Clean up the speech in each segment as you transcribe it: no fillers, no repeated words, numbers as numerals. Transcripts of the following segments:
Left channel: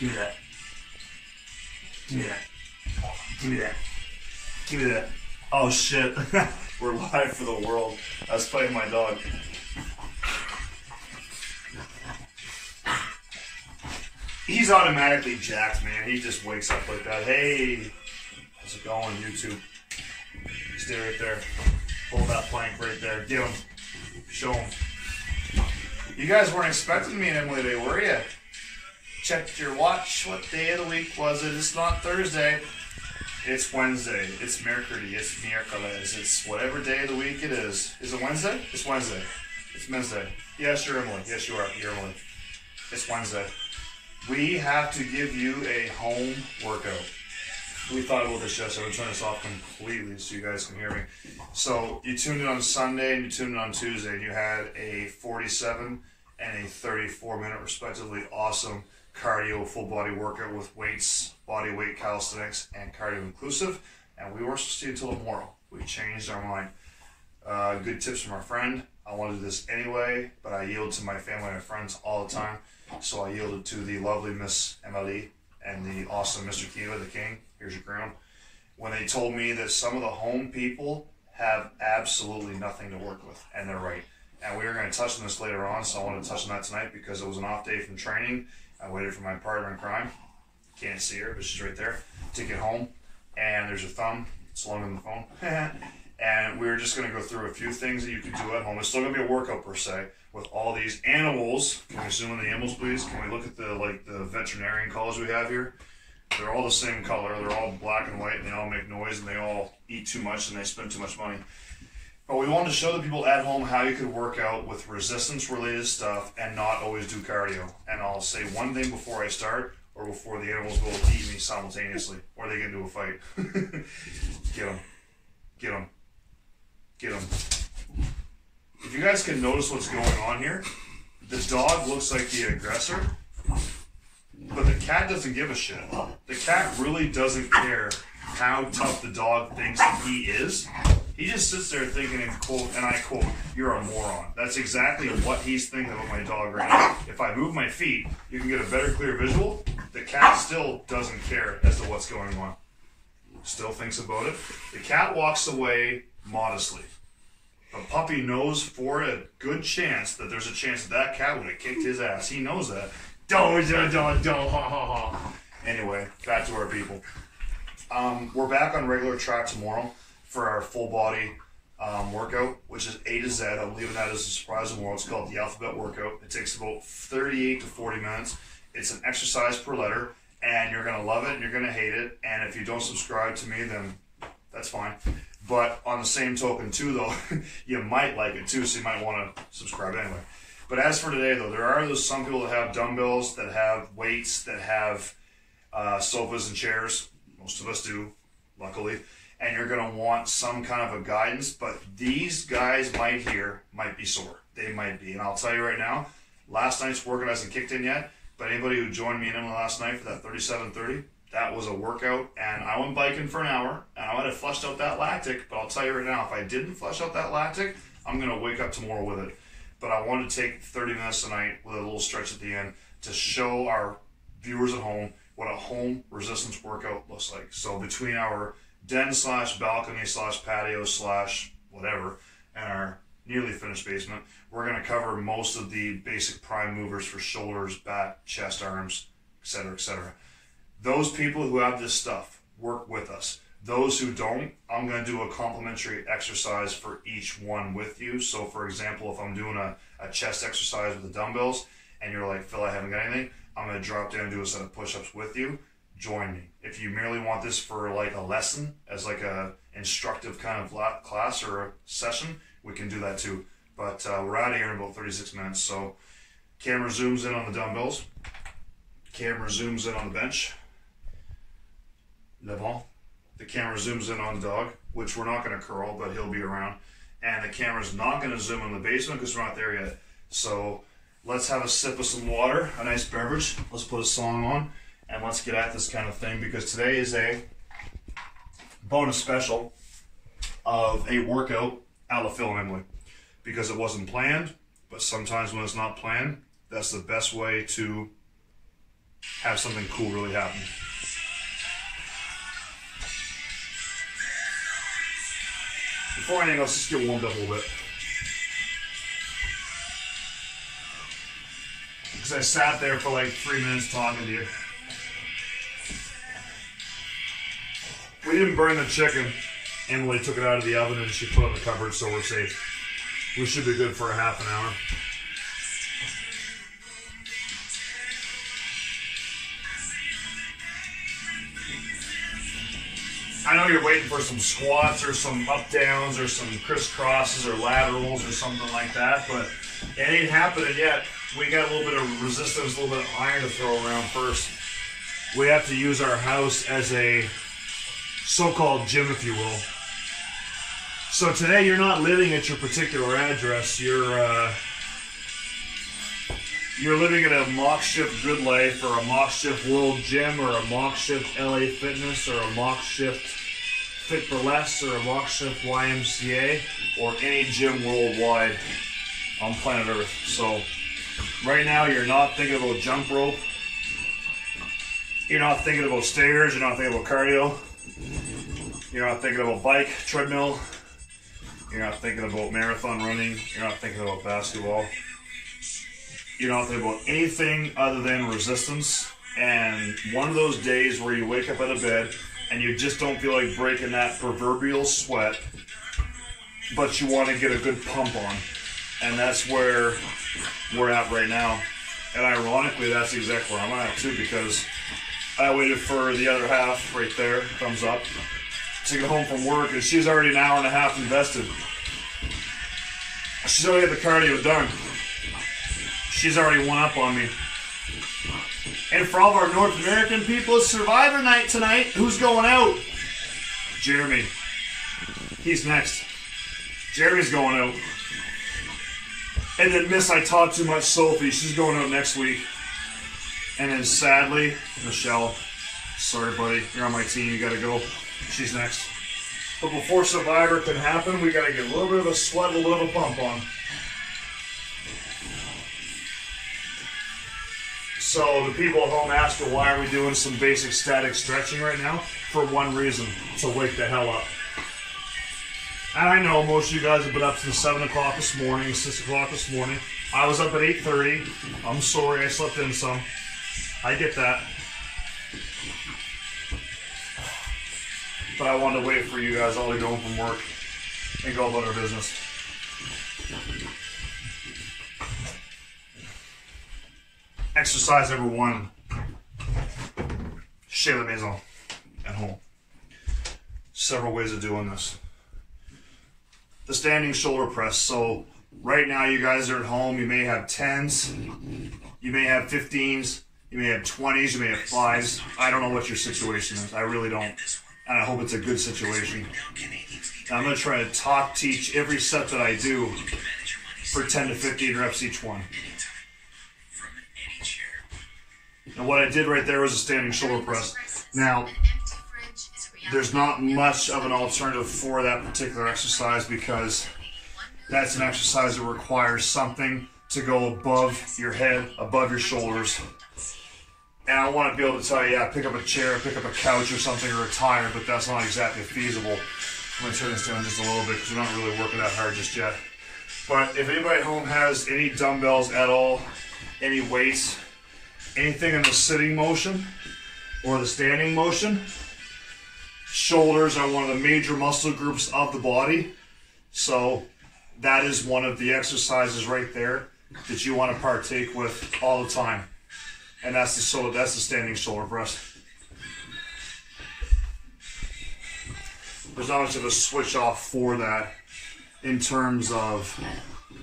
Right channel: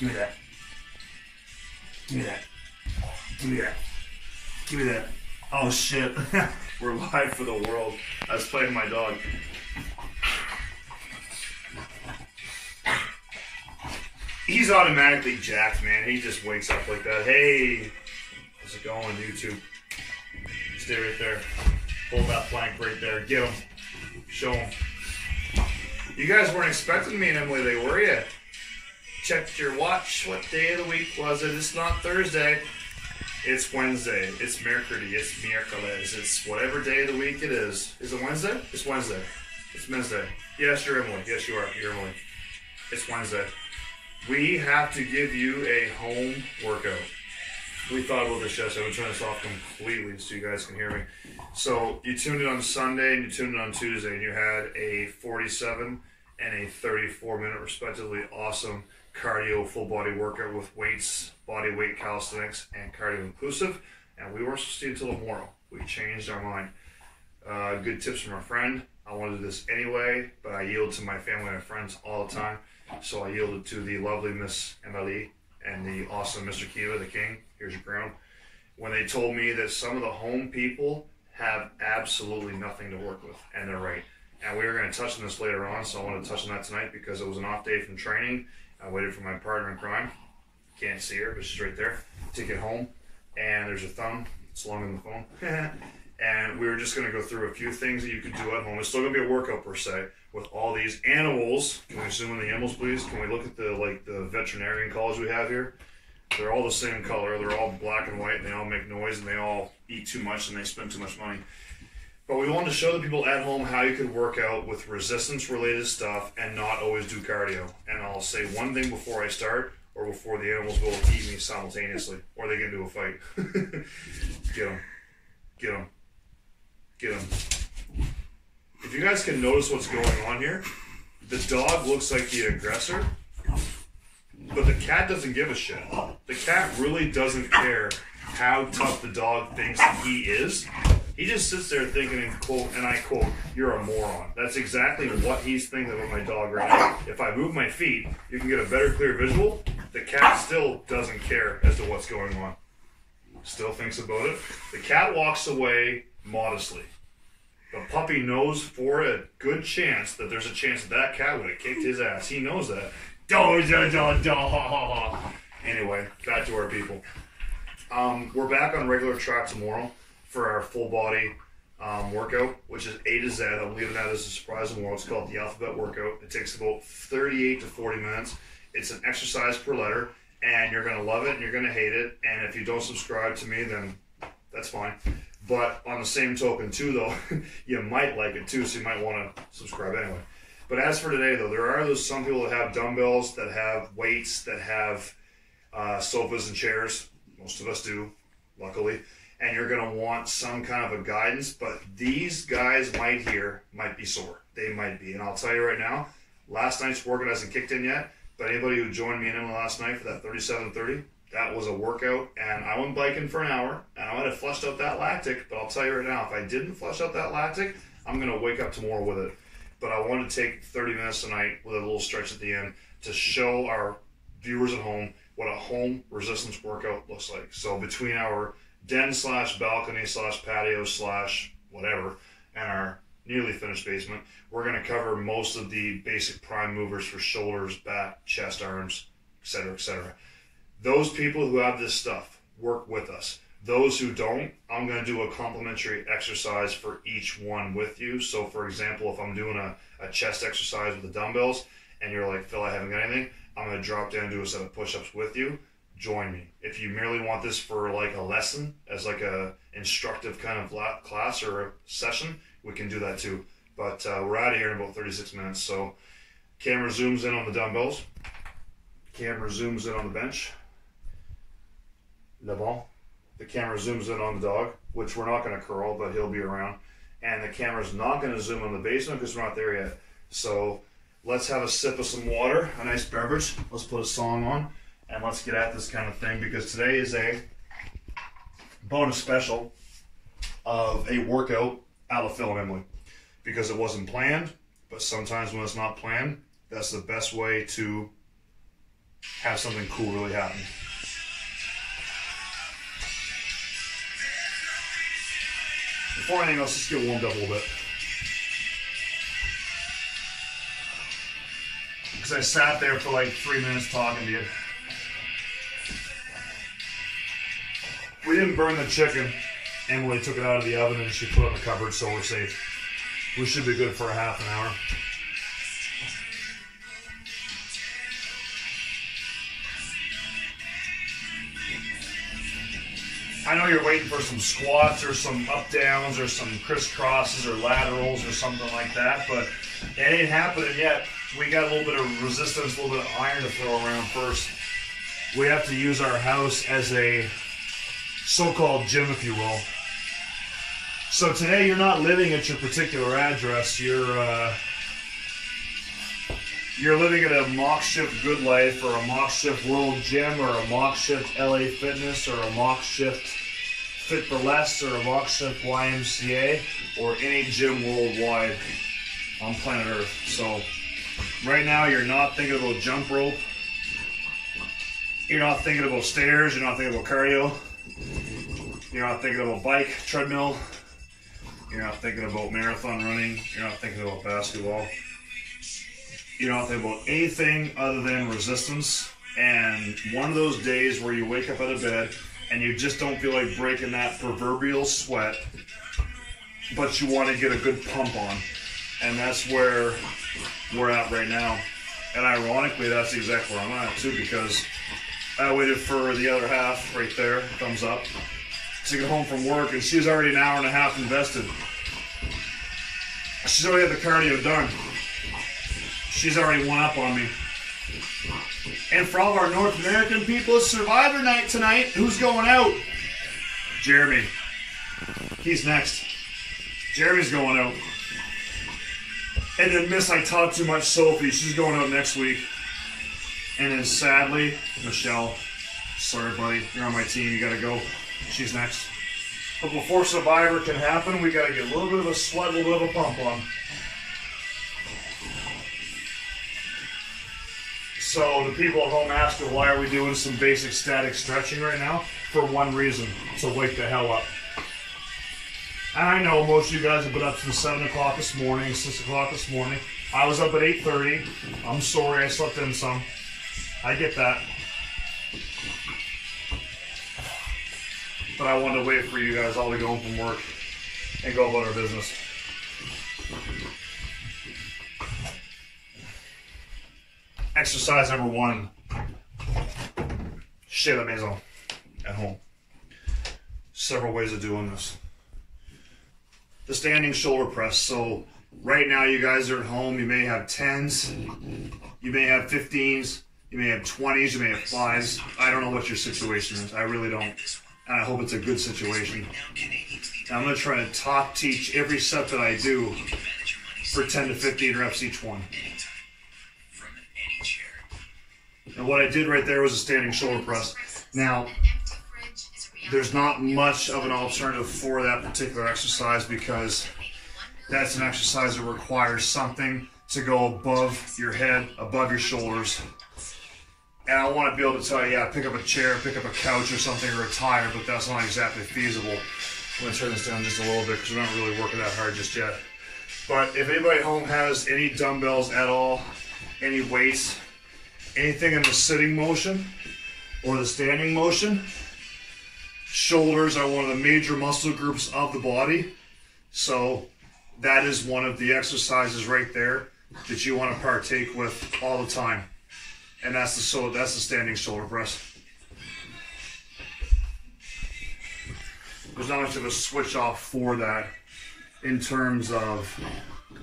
Give me that. Give me that. Give me that. Give me that. Oh shit. We're live for the world. I was playing my dog. He's automatically jacked, man. He just wakes up like that. Hey, how's it going, YouTube? Stay right there. Hold that plank right there. Get him. Show him. You guys weren't expecting me and Emily today, were you? Checked your watch. What day of the week was it? It's not Thursday. It's Wednesday. It's Mercury. It's Miércoles. It's whatever day of the week it is. Is it Wednesday? It's Wednesday. It's Wednesday. Yes, you're Emily. Yes, you are. You're Emily. It's Wednesday. We have to give you a home workout. We thought about this yesterday. I'm turning this off completely so you guys can hear me. So you tuned in on Sunday and you tuned in on Tuesday and you had a 47 and a 34-minute respectively awesome cardio full body workout with weights, body weight calisthenics, and cardio inclusive. And we weren't supposed to until tomorrow. We changed our mind. Good tips from our friend. I want to do this anyway, but I yield to my family and friends all the time. So I yielded to the lovely Miss Emily and the awesome Mr. Kiva, the king. Here's your crown. When they told me that some of the home people have absolutely nothing to work with, and they're right. And we are going to touch on this later on, so I want to touch on that tonight because it was an off day from training. I waited for my partner in crime. Can't see her, but she's right there. To get home, and there's a thumb. It's longer than the phone. And we were just going to go through a few things that you can do at home. It's still going to be a workout per se with all these animals. Can we zoom in the animals, please? Can we look at the veterinarian collars we have here? They're all the same color. They're all black and white, and they all make noise, and they all eat too much, and they spend too much money. But we wanted to show the people at home how you could work out with resistance-related stuff and not always do cardio. And I'll say one thing before I start, or before the animals will eat me simultaneously, or they get into a fight. Get them. Get them. Get them. If you guys can notice what's going on here, the dog looks like the aggressor, but the cat doesn't give a shit. The cat really doesn't care how tough the dog thinks that he is. He just sits there thinking, and I quote, "You're a moron." That's exactly what he's thinking about my dog right now. If I move my feet, you can get a better, clear visual. The cat still doesn't care as to what's going on. Still thinks about it. The cat walks away modestly. The puppy knows for a good chance that there's a chance that cat would have kicked his ass. He knows that. Anyway, back to our people. We're back on regular track tomorrow for our full body workout, which is A to Z. I'm leaving that as a surprise tomorrow. It's called the Alphabet Workout. It takes about 38 to 40 minutes. It's an exercise per letter, and you're going to love it and you're going to hate it. And if you don't subscribe to me, then that's fine. But on the same token, too, though, you might like it, too, so you might want to subscribe anyway. But as for today, though, there are some people that have dumbbells, that have weights, that have sofas and chairs. Most of us do, luckily. And you're going to want some kind of a guidance. But these guys might be sore. They might be. And I'll tell you right now, last night's workout hasn't kicked in yet. But anybody who joined me and Emma last night for that 37:30, that was a workout. And I went biking for an hour. And I might have flushed out that lactic. But I'll tell you right now, if I didn't flush out that lactic, I'm going to wake up tomorrow with it. But I wanted to take 30 minutes tonight with a little stretch at the end to show our viewers at home what a home resistance workout looks like. So between our den / balcony / patio / whatever and our nearly finished basement, we're going to cover most of the basic prime movers for shoulders, back, chest, arms, etc., etc. Those people who have this stuff, work with us. Those who don't, I'm going to do a complimentary exercise for each one with you. So for example, if I'm doing a chest exercise with the dumbbells and you're like, "Phil, I haven't got anything," I'm going to drop down and do a set of push-ups with you. Join me. If you merely want this for like a lesson, as like a instructive kind of class or a session, we can do that too. But we're out of here in about 36 minutes. So camera zooms in on the dumbbells. Camera zooms in on the bench. Le bon. The camera zooms in on the dog, which we're not going to curl, but he'll be around. And the camera's not going to zoom on the basement because we're not there yet. So let's have a sip of some water, a nice beverage. Let's put a song on, and let's get at this kind of thing because today is a bonus special of a workout a la Phil and Emily. Because it wasn't planned, but sometimes when it's not planned, that's the best way to have something cool really happen. Before anything else, just get warmed up a little bit. Because I sat there for like 3 minutes talking to you. We didn't burn the chicken. Emily took it out of the oven and she put it in the cupboard, so we're safe. We should be good for a half an hour. I know you're waiting for some squats or some up-downs or some crisscrosses or laterals or something like that, but it ain't happening yet. We got a little bit of resistance, a little bit of iron to throw around first. We have to use our house as a so-called gym, if you will. So today you're not living at your particular address. You're living at a Mock Shift Good Life or a Mock Shift World Gym or a Mock Shift LA Fitness or a Mock Shift Fit for Less or a Mock Shift YMCA or any gym worldwide on planet Earth. So right now you're not thinking about jump rope. You're not thinking about stairs. You're not thinking about cardio. You're not thinking about bike, treadmill. You're not thinking about marathon running. You're not thinking about basketball. You're not thinking about anything other than resistance. And one of those days where you wake up out of bed and you just don't feel like breaking that proverbial sweat, but you want to get a good pump on. And that's where we're at right now. And ironically, that's exactly where I'm at too, because I waited for the other half right there, thumbs up, to get home from work, and she's already an hour and a half invested. She's already had the cardio done. She's already one up on me. And for all of our North American people, it's Survivor Night tonight. Who's going out? Jeremy. He's next. Jeremy's going out. And then Miss I Talk Too Much Sophie, she's going out next week. And then sadly, Michelle, sorry buddy, you're on my team, you gotta go. She's next. But before Survivor can happen, we gotta get a little bit of a sweat, a little bit of a pump on. So the people at home ask, well, why are we doing some basic static stretching right now? For one reason, to wake the hell up. And I know most of you guys have been up since 7 o'clock this morning, 6 o'clock this morning. I was up at 8:30. I'm sorry I slept in some. I get that. But I wanted to wait for you guys all to go home from work and go about our business. Exercise number 1. Chez la maison. At home. Several ways of doing this. The standing shoulder press. So right now you guys are at home. You may have 10s. You may have 15s. You may have 20s. You may have 5s. I don't know what your situation is. I really don't. And I hope it's a good situation. And I'm going to try to top teach every set that I do for 10 to 15 reps each one. And what I did right there was a standing shoulder press. Now, there's not much of an alternative for that particular exercise because that's an exercise that requires something to go above your head, above your shoulders. And I want to be able to tell you, yeah, pick up a chair, pick up a couch or something, or a tire, but that's not exactly feasible. I'm going to turn this down just a little bit because we're not really working that hard just yet. But if anybody at home has any dumbbells at all, any weights, anything in the sitting motion or the standing motion, shoulders are one of the major muscle groups of the body. So that is one of the exercises right there that you want to partake with all the time. And that's the standing shoulder press. There's not much of a switch off for that in terms of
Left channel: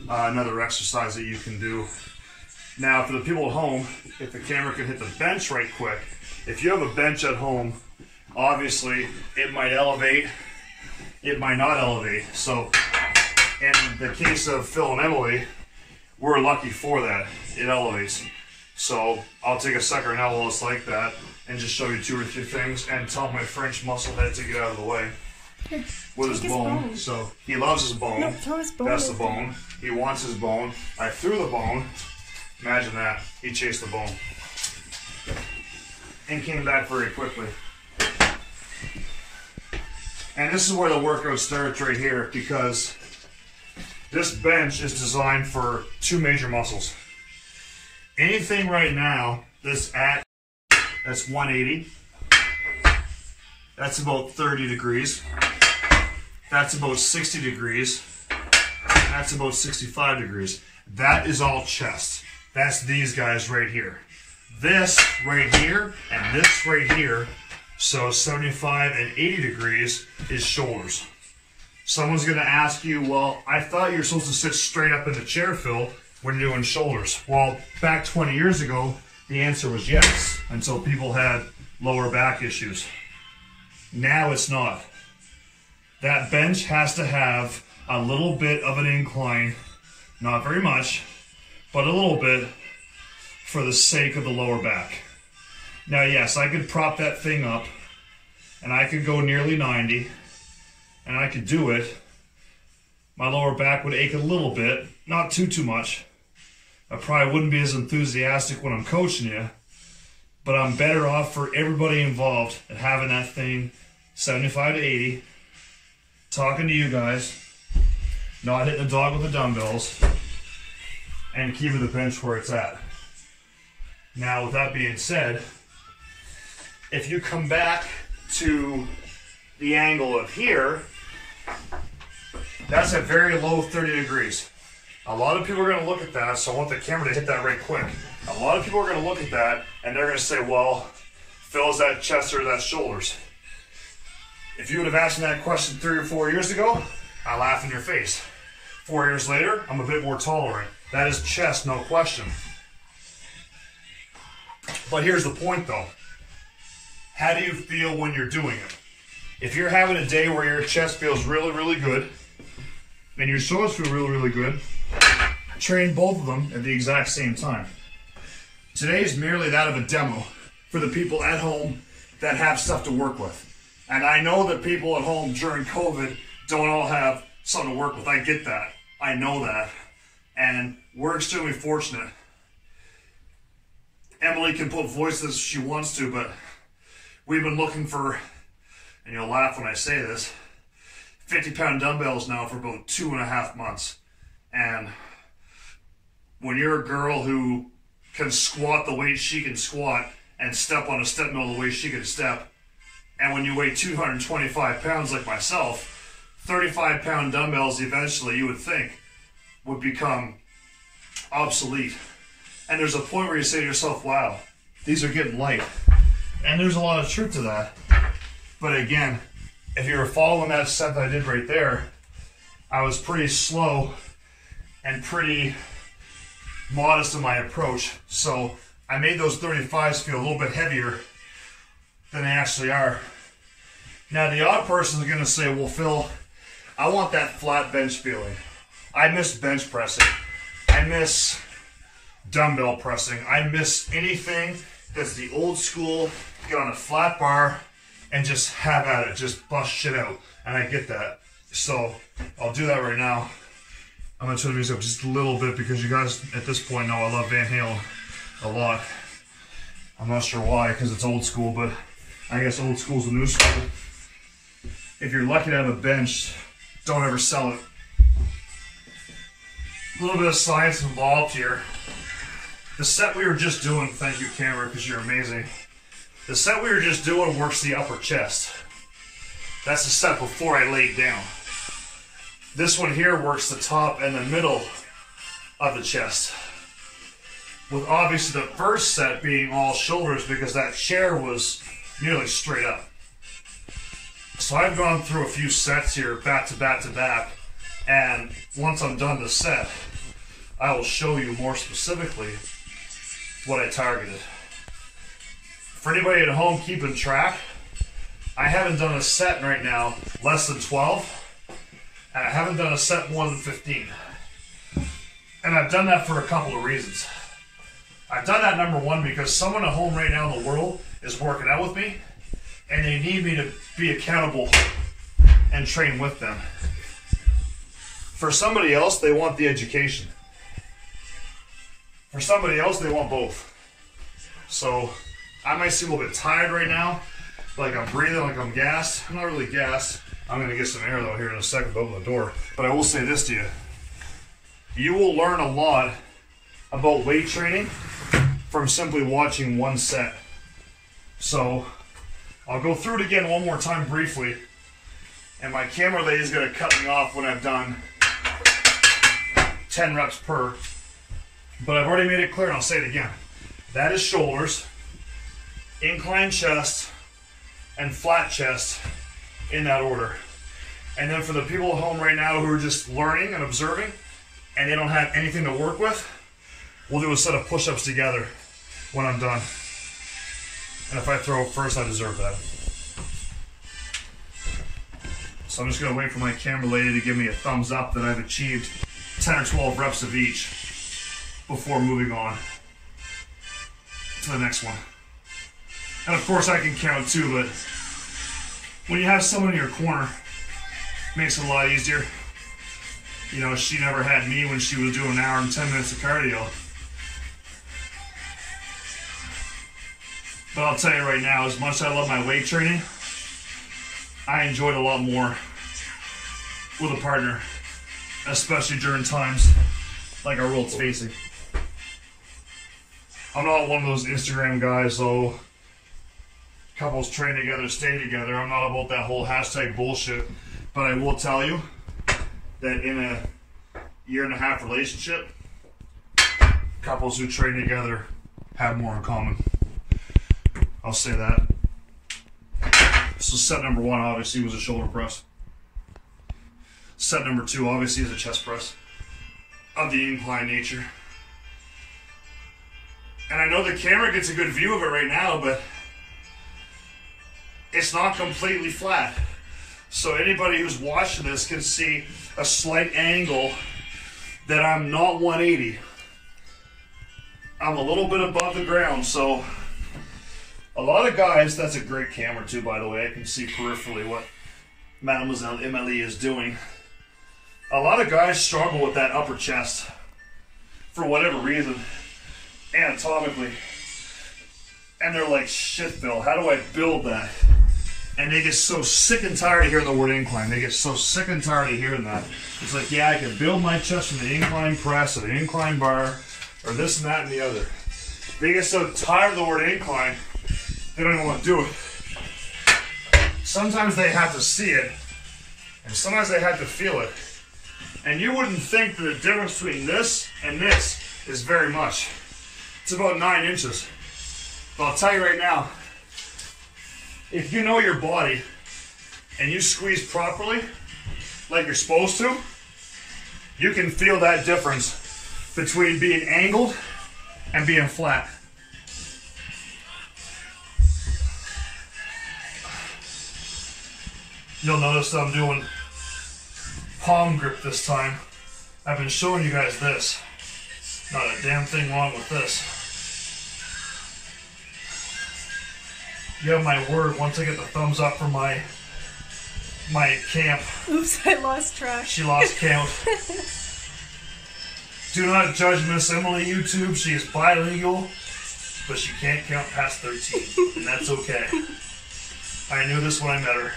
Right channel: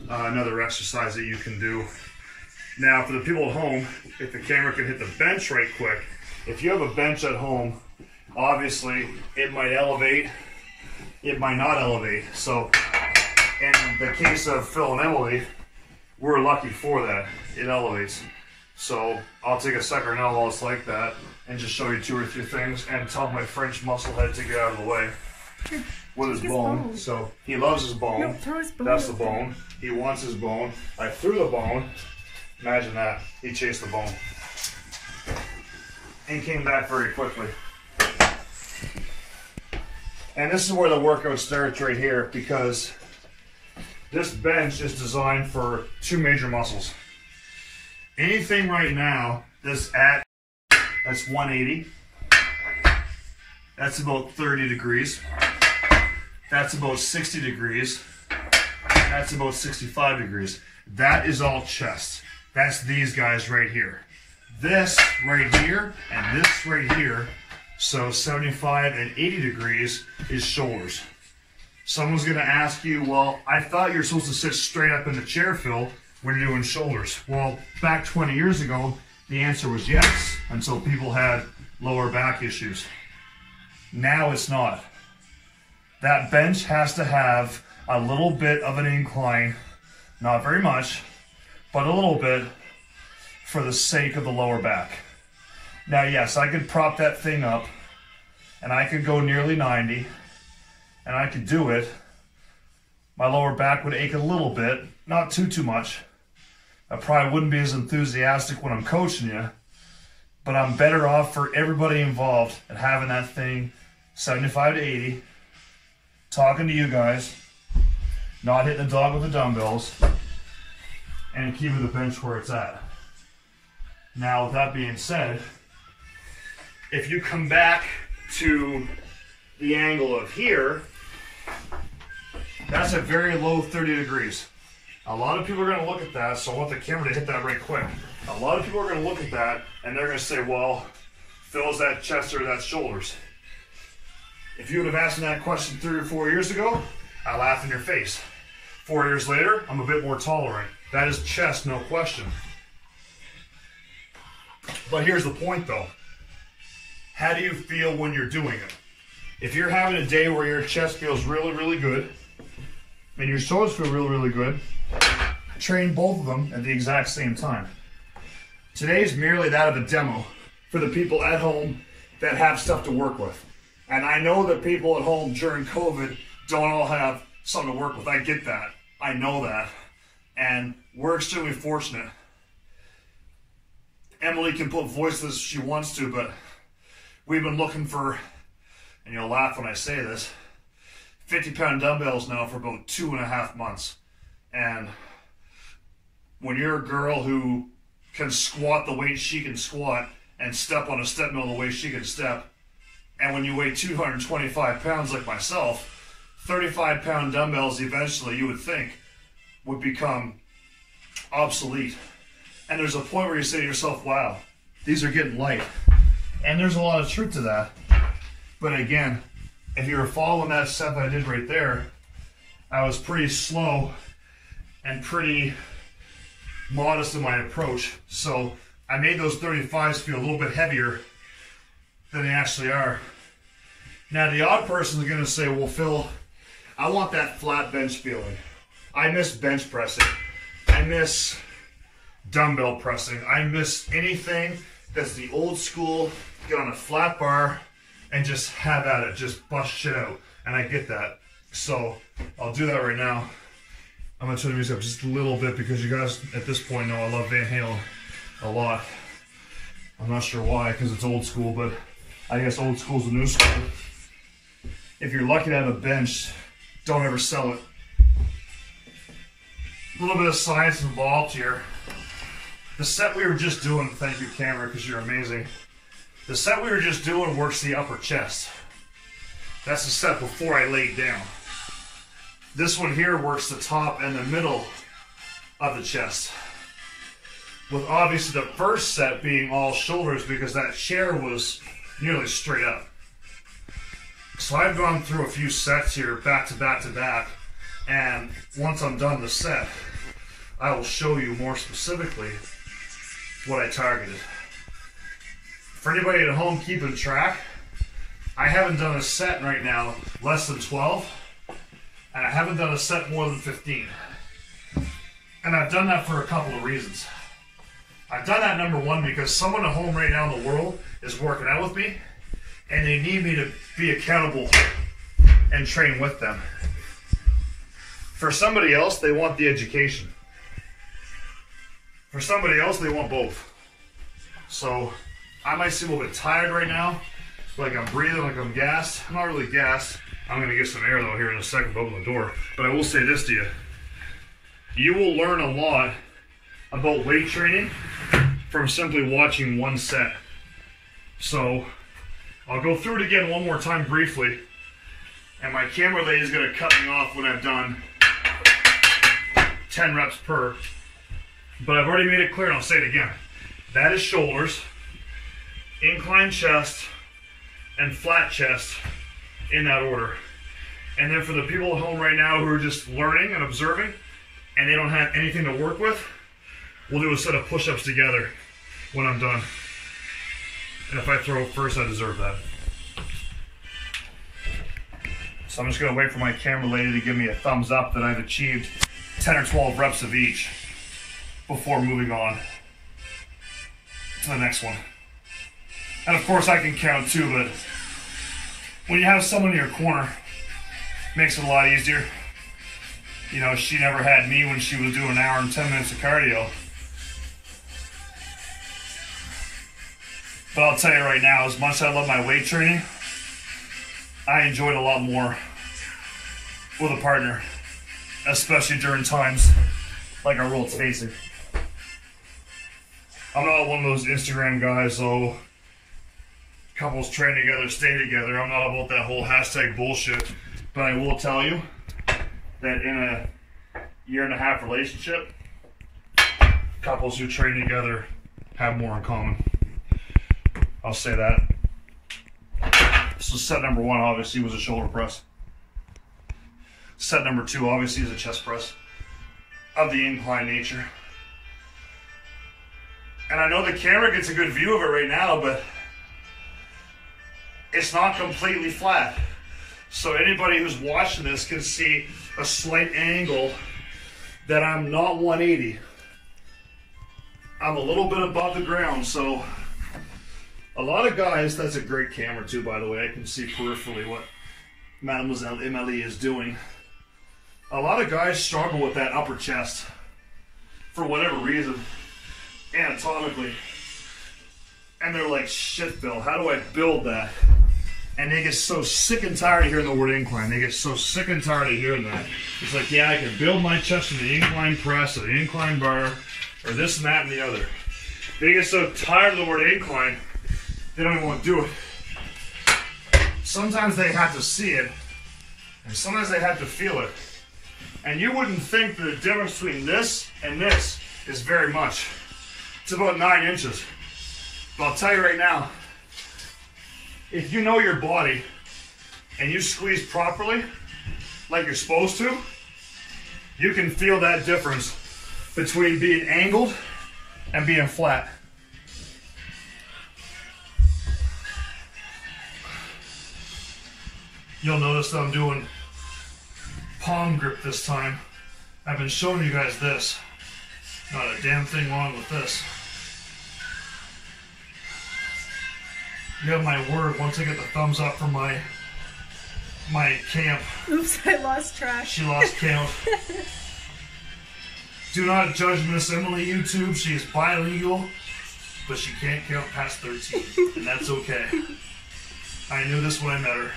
another exercise that you can do. Now, for the people at home, if the camera can hit the bench right quick, if you have a bench at home, obviously it might elevate, it might not elevate. So in the case of Phil and Emily, we're lucky for that. It elevates. So I'll take a second now while it's like that and just show you 2 or 3 things and tell my French muscle head to get out of the way. With his bone. So he loves his bone. No, throw his bone. That's the bone. He wants his bone. I threw the bone. Imagine that. He chased the bone. and came back very quickly. And this is where the workout starts right here, because this bench is designed for two major muscles. Anything right now that's 180, that's about 30 degrees, that's about 60 degrees, that's about 65 degrees. That is all chest. That's these guys right here. This right here and this right here, so 75 and 80 degrees is shoulders. Someone's gonna ask you, well, I thought you were supposed to sit straight up in the chair, Phil, when you're doing shoulders. Well, back 20 years ago, the answer was yes, until people had lower back issues. Now it's not. That bench has to have a little bit of an incline, not very much, but a little bit, for the sake of the lower back. Now, yes, I could prop that thing up, and I could go nearly 90, and I could do it. My lower back would ache a little bit, not too much. I probably wouldn't be as enthusiastic when I'm coaching you, but I'm better off for everybody involved at having that thing 75 to 80, talking to you guys, not hitting the dog with the dumbbells, and keeping the bench where it's at. Now, with that being said, if you come back to the angle of here, that's a very low 30 degrees. A lot of people are going to look at that, so I want the camera to hit that right quick. A lot of people are going to look at that, and they're going to say, well, Phil, is that chest or is that shoulders? If you would have asked me that question 3 or 4 years ago, I laugh in your face. 4 years later, I'm a bit more tolerant. That is chest, no question. But here's the point, though. How do you feel when you're doing it? If you're having a day where your chest feels really, really good, and your shoulders feel really, really good, train both of them at the exact same time. Today is merely that of a demo for the people at home that have stuff to work with. And I know that people at home during COVID don't all have something to work with. I get that. I know that. And we're extremely fortunate. Emily can put voice to this if she wants to, but we've been looking for, and you'll laugh when I say this, 50-pound dumbbells now for about 2.5 months. And when you're a girl who can squat the weight she can squat and step on a step mill the way she can step, and when you weigh 225 pounds like myself, 35-pound dumbbells eventually, you would think, would become obsolete. And there's a point where you say to yourself, wow, these are getting light. And there's a lot of truth to that. But again, if you were following that set that I did right there, I was pretty slow and pretty modest in my approach. So I made those 35s feel a little bit heavier than they actually are. Now the odd person is going to say, well, Phil, I want that flat bench feeling. I miss bench pressing. I miss dumbbell pressing. I miss anything that's the old school, get on a flat bar and just have at it, just bust shit out. And I get that. So I'll do that right now. I'm gonna turn the music up just a little bit because you guys at this point know I love Van Halen a lot. I'm not sure why, because it's old school, but I guess old school's the new school. If you're lucky to have a bench, don't ever sell it. A little bit of science involved here. The set we were just doing, thank you camera, because you're amazing. The set we were just doing works the upper chest. That's the set before I laid down. This one here works the top and the middle of the chest. With obviously the first set being all shoulders because that chair was nearly straight up. So I've gone through a few sets here back to back to back, and once I'm done the set, I will show you more specifically what I targeted. For anybody at home keeping track, I haven't done a set right now less than 12, and I haven't done a set more than 15. And I've done that for a couple of reasons. I've done that, number one, because someone at home right now in the world is working out with me, and they need me to be accountable and train with them. For somebody else, they want the education. For somebody else, they want both. So I might seem a little bit tired right now, like I'm breathing, like I'm gassed. I'm not really gassed. I'm gonna get some air though here in a second, open the door. But I will say this to you. You will learn a lot about weight training from simply watching one set. So I'll go through it again one more time briefly, and my camera lady is gonna cut me off when I've done 10 reps per. But I've already made it clear, and I'll say it again. That is shoulders, incline chest, and flat chest in that order. And then for the people at home right now who are just learning and observing and they don't have anything to work with, we'll do a set of push-ups together when I'm done. And if I throw first, I deserve that. So I'm just gonna wait for my camera lady to give me a thumbs up that I've achieved 10 or 12 reps of each before moving on to the next one. And of course I can count too, but when you have someone in your corner, it makes it a lot easier. You know, she never had me when she was doing an hour and 10 minutes of cardio. But I'll tell you right now, as much as I love my weight training, I enjoyed a lot more with a partner, especially during times like our world's facing. I'm not one of those Instagram guys, so couples train together, stay together. I'm not about that whole hashtag bullshit. But I will tell you that in a 1.5 year relationship, couples who train together have more in common. I'll say that. So set number 1 obviously was a shoulder press. Set number 2 obviously is a chest press of the incline nature. And I know the camera gets a good view of it right now, but it's not completely flat. So anybody who's watching this can see a slight angle that I'm not 180. I'm a little bit above the ground, so a lot of guys, that's a great camera too, by the way. I can see peripherally what Mademoiselle Emily is doing. A lot of guys struggle with that upper chest for whatever reason, anatomically. And they're like, shit, Bill, how do I build that? And they get so sick and tired of hearing the word incline. They get so sick and tired of hearing that. It's like, yeah, I can build my chest in the incline press or the incline bar or this and that and the other. They get so tired of the word incline, they don't even want to do it. Sometimes they have to see it, and sometimes they have to feel it. And you wouldn't think that the difference between this and this is very much. It's about 9 inches. But I'll tell you right now, if you know your body and you squeeze properly, like you're supposed to, you can feel that difference between being angled and being flat. You'll notice that I'm doing palm grip this time. I've been showing you guys this. Not a damn thing wrong with this. You have my word, once I get the thumbs up from my camp. Oops, I lost track. She lost count. Do not judge Miss Emily YouTube. She is bilingual, but she can't count past 13, and that's okay. I knew this when I met her.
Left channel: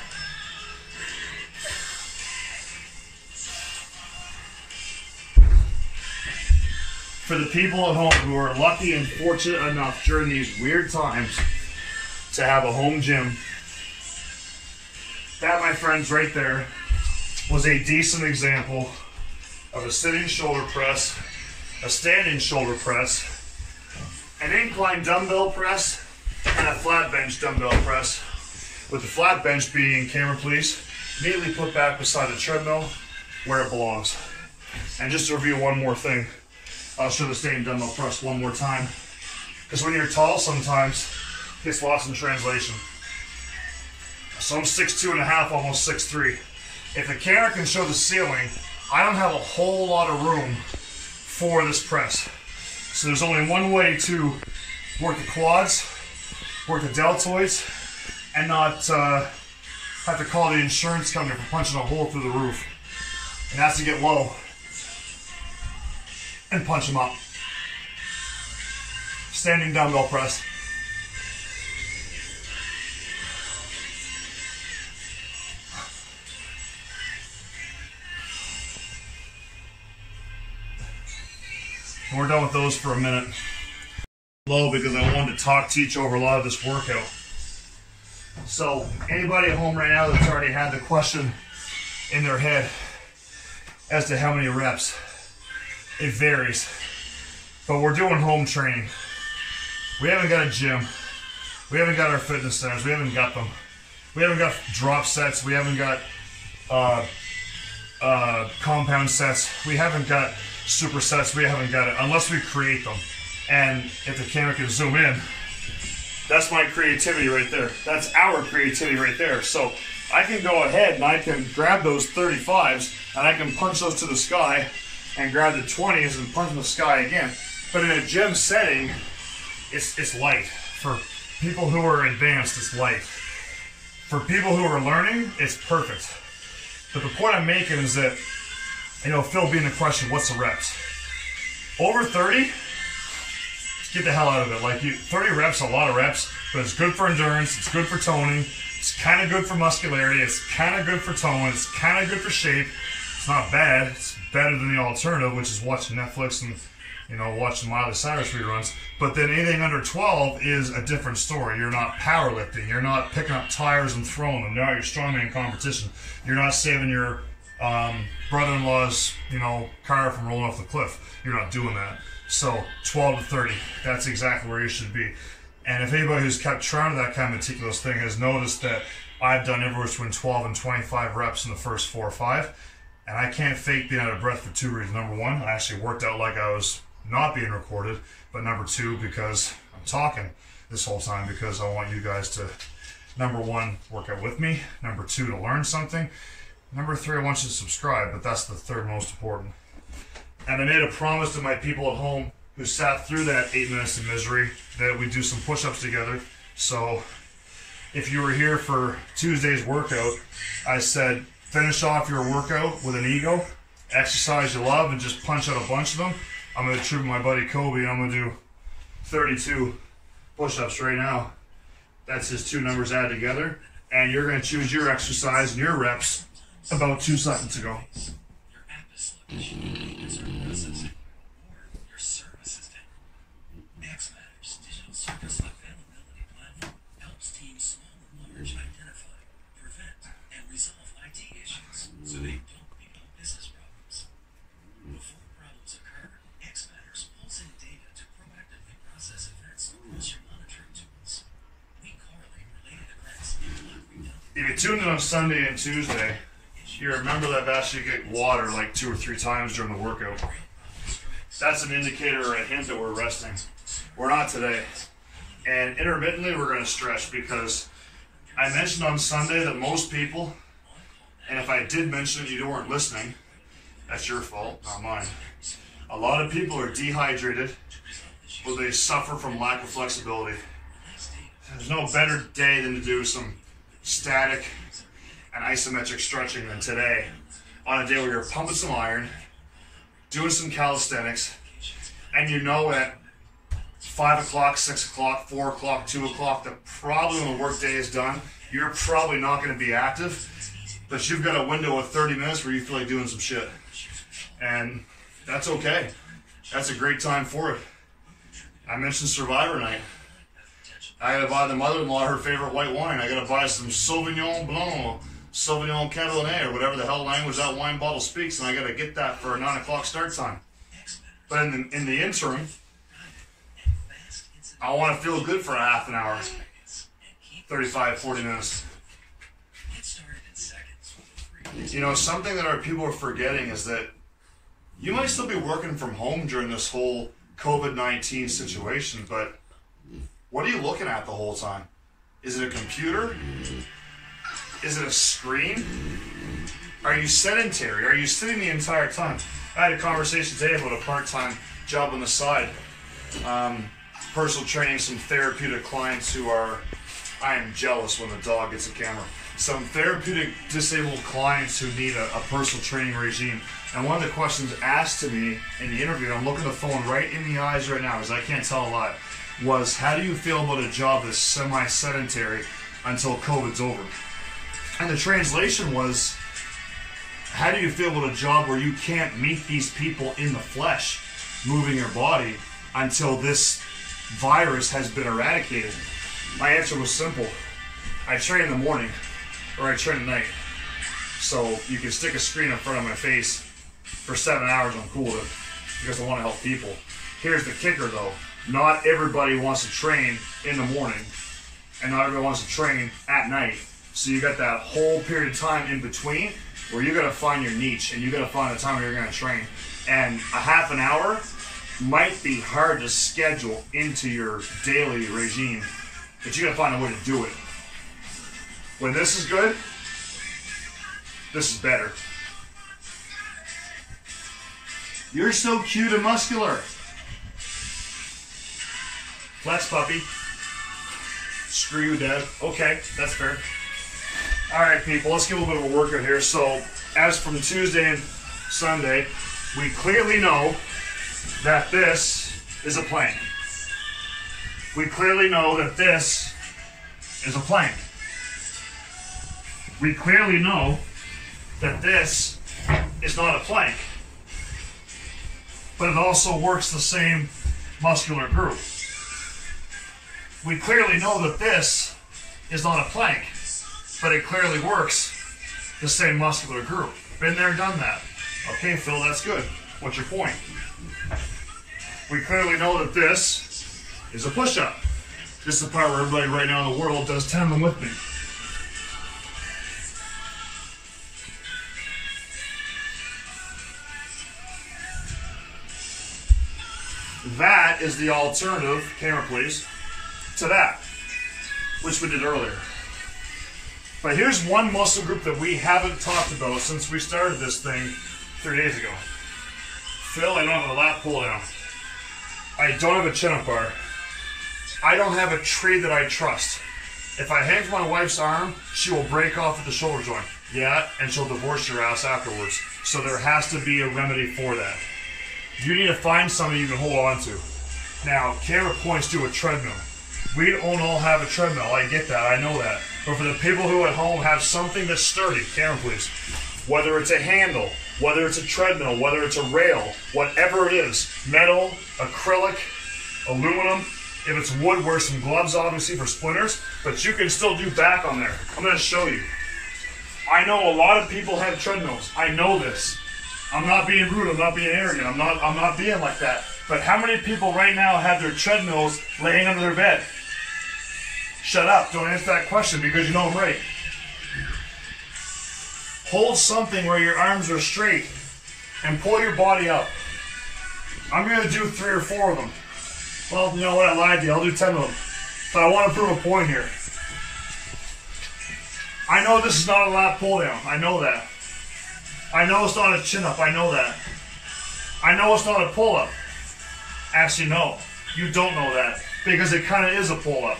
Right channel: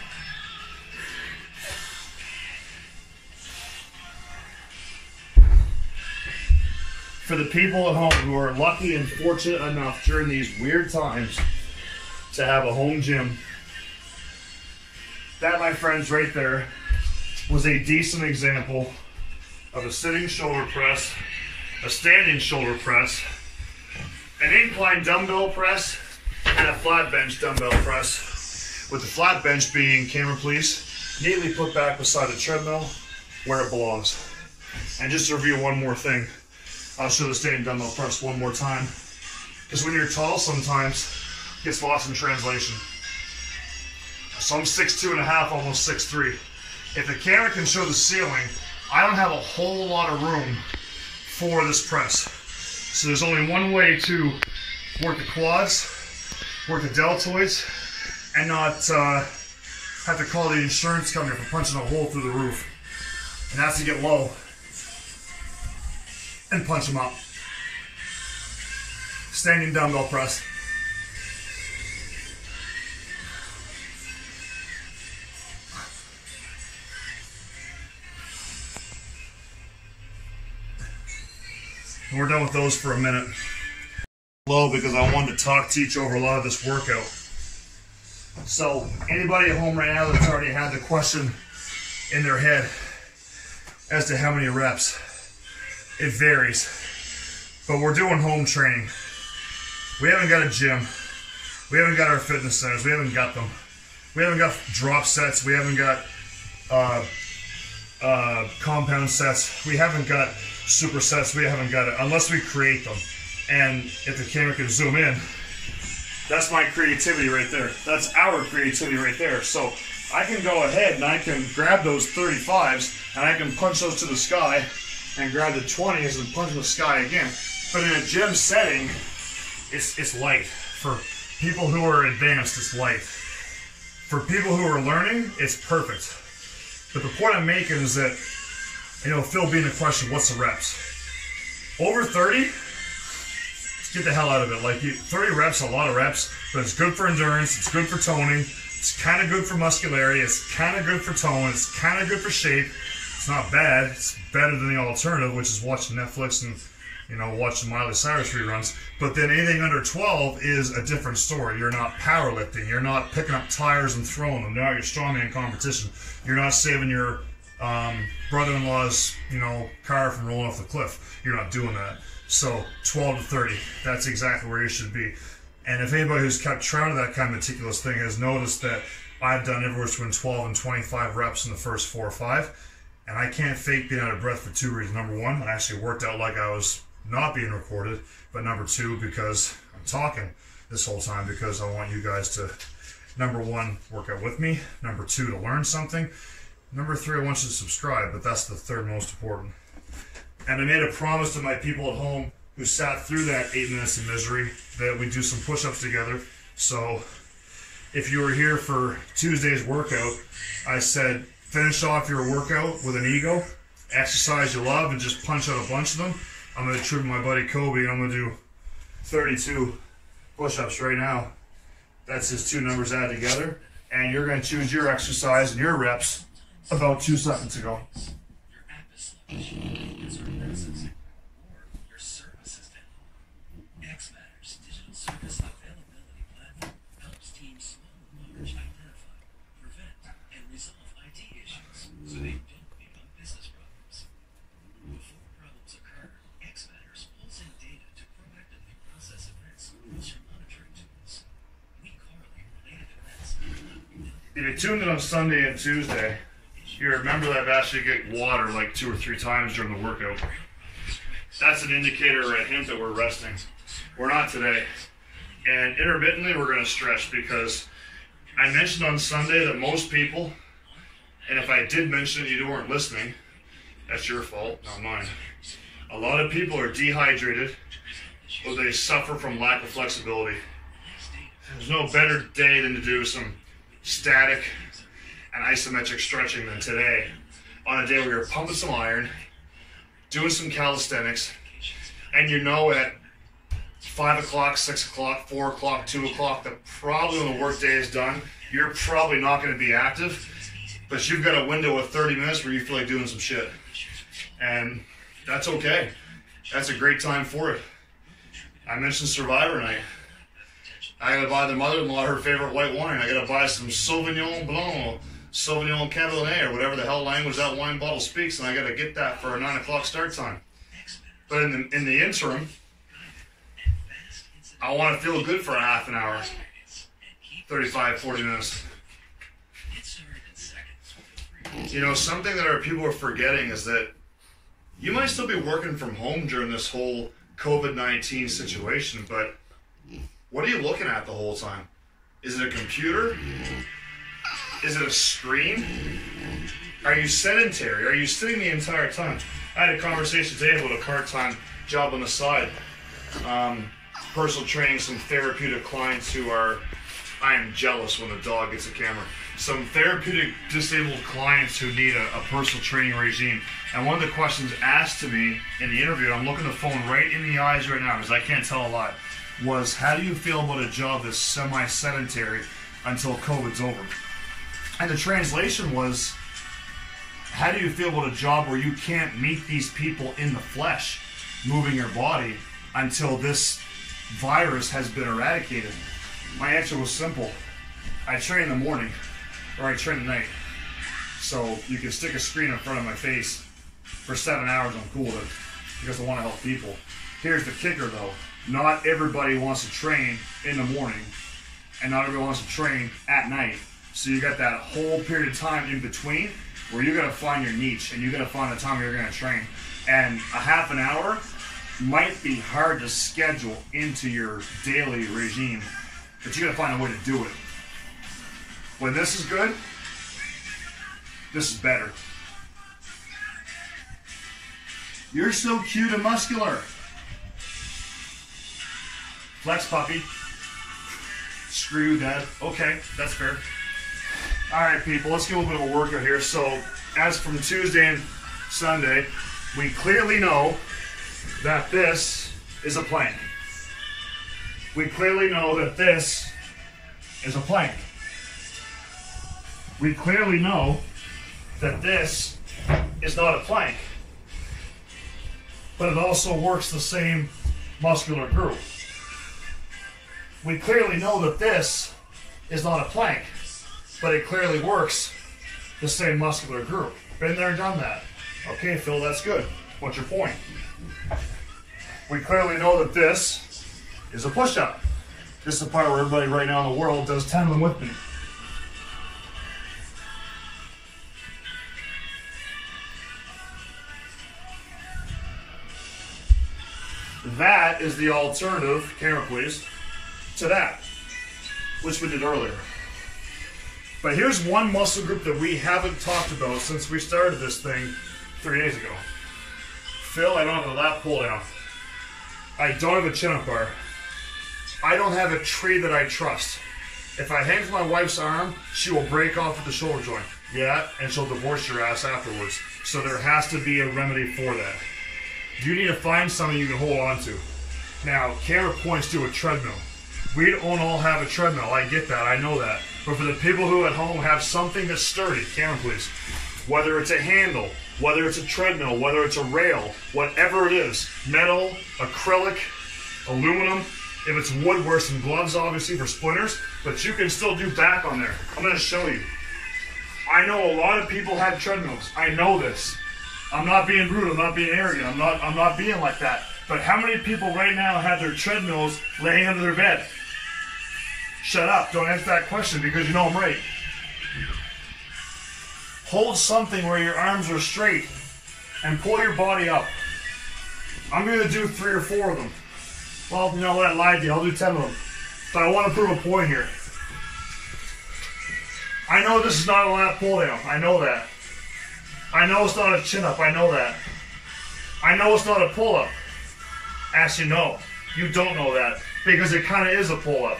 For the people at home who are lucky and fortunate enough during these weird times to have a home gym, that, my friends, right there was a decent example of a sitting shoulder press, a standing shoulder press, an incline dumbbell press, and a flat bench dumbbell press, with the flat bench being, camera please, neatly put back beside the treadmill where it belongs. And just to review one more thing, I'll show the standing dumbbell press one more time, because when you're tall sometimes it gets lost in translation. So I'm 6'2.5", almost 6'3". If the camera can show the ceiling, I don't have a whole lot of room for this press. So there's only one way to work the quads, work the deltoids, and not have to call the insurance company for punching a hole through the roof. And that's to get low and punch them up. Standing dumbbell press. We're done with those for a minute. Low because I wanted to teach over a lot of this workout. So anybody at home right now that's already had the question in their head as to how many reps, it varies. But we're doing home training. We haven't got a gym. We haven't got our fitness centers. We haven't got them. We haven't got drop sets. We haven't got compound sets. We haven't got supersets. We haven't got it unless we create them. And if the camera can zoom in, that's my creativity right there. That's our creativity right there. So I can go ahead and I can grab those 35s and I can punch those to the sky and grab the 20s and punch the sky again. But in a gym setting, it's light. For people who are advanced, it's light. For people who are learning, it's perfect. But the point I'm making is that, you know, Phil being the question, what's the reps? Over 30, get the hell out of it. Like 30 reps, a lot of reps, but it's good for endurance, it's good for toning, it's kind of good for muscularity, it's kind of good for tone, it's kind of good for shape. It's not bad. It's better than the alternative, which is watching Netflix and, you know, watching Miley Cyrus reruns. But then anything under 12 is a different story. You're not powerlifting. You're not picking up tires and throwing them. You're not your strongman competition. You're not saving your brother-in-law's, you know, car from rolling off the cliff. You're not doing that. So 12 to 30, that's exactly where you should be. And if anybody who's kept track of that kind of meticulous thing has noticed that I've done everywhere between 12 and 25 reps in the first 4 or 5. And I can't fake being out of breath for 2 reasons. Number one, I actually worked out like I was not being recorded. But number two, because I'm talking this whole time because I want you guys to, number one, work out with me. Number two, to learn something. Number three, I want you to subscribe, but that's the third most important. And I made a promise to my people at home who sat through that 8 minutes of misery that we do some push-ups together. So if you were here for Tuesday's workout, I said, finish off your workout with an ego, exercise you love, and just punch out a bunch of them. I'm going to tribute my buddy Kobe, and I'm going to do 32 push-ups right now. That's his 2 numbers added together. And you're going to choose your exercise and your reps about 2 seconds ago. If you tuned in on Sunday and Tuesday, you remember that I've asked you to get water like 2 or 3 times during the workout. That's an indicator or a hint that we're resting. We're not today. And intermittently, we're going to stretch because I mentioned on Sunday that most people, and if I did mention it, you weren't listening, that's your fault, not mine. A lot of people are dehydrated or they suffer from lack of flexibility. There's no better day than to do some static and isometric stretching than today on a day where you're pumping some iron, doing some calisthenics, and you know at 5 o'clock, 6 o'clock, 4 o'clock, 2 o'clock that probably when the work day is done, you're probably not going to be active, but you've got a window of 30 minutes where you feel like doing some shit. And that's okay. That's a great time for it. I mentioned Survivor Night. I gotta buy the mother-in-law her favorite white wine. I gotta buy some Sauvignon Blanc, Sauvignon Cabernet, or whatever the hell language that wine bottle speaks, and I gotta get that for a 9 o'clock start time. But in the interim, I want to feel good for a half an hour, 35, 40 minutes. You know, something that our people are forgetting is that you might still be working from home during this whole COVID-19 situation, but what are you looking at the whole time? Is it a computer? Is it a screen? Are you sedentary? Are you sitting the entire time? I had a conversation today about a part-time job on the side. Personal training some therapeutic clients who are, I am jealous when the dog gets a camera. Some therapeutic disabled clients who need a personal training regime. And one of the questions asked to me in the interview, I'm looking at the phone right in the eyes right now because I can't tell a lot, was how do you feel about a job that's semi-sedentary until COVID's over? And the translation was, how do you feel about a job where you can't meet these people in the flesh? moving your body until this virus has been eradicated? My answer was simple. I train in the morning or I train at night. So you can stick a screen in front of my face for 7 hours, I'm cool with it because I want to help people. Here's the kicker though. Not everybody wants to train in the morning and not everybody wants to train at night. So you got that whole period of time in between where you're gonna find your niche and you're gonna find the time where you're gonna train. And a half an hour might be hard to schedule into your daily regime, but you gotta find a way to do it. When this is good, this is better. You're so cute and muscular. Flex, puppy. Screw you, Dad. Okay, that's fair. Alright, people, let's give a little bit of a workout here. So, as from Tuesday and Sunday, we clearly know that this is a plank. We clearly know that this is a plank. We clearly know that this is not a plank. But it also works the same muscular group. We clearly know that this is not a plank, but it clearly works the same muscular group. Been there, done that. Okay, Phil, that's good. What's your point? We clearly know that this is a push-up. This is the part where everybody right now in the world does 10 of them with me. That is the alternative, camera please, to that, which we did earlier. But here's one muscle group that we haven't talked about since we started this thing 3 days ago. Phil, I don't have a lat pull down. I don't have a chin-up bar. I don't have a tree that I trust. If I hang from my wife's arm, she will break off at the shoulder joint. Yeah, and she'll divorce your ass afterwards. So there has to be a remedy for that. You need to find something you can hold on to. Now, camera points to a treadmill. We don't all have a treadmill. I get that. I know that. But for the people who at home have something that's sturdy, camera please, whether it's a handle, whether it's a treadmill, whether it's a rail, whatever it is, metal, acrylic, aluminum, if it's wood, wear some gloves obviously for splinters, but you can still do back on there. I'm going to show you. I know a lot of people have treadmills. I know this. I'm not being rude, I'm not being arrogant, I'm not being like that. But how many people right now have their treadmills laying under their bed? Shut up, don't answer that question because you know I'm right. Hold something where your arms are straight and pull your body up. I'm going to do 3 or 4 of them. Well, you know what, I lied to you, I'll do 10 of them. But I want to prove a point here. I know this is not a lat pull down, I know that. I know it's not a chin-up, I know that. I know it's not a pull-up. Actually, no. You don't know that, because it kind of is a pull-up.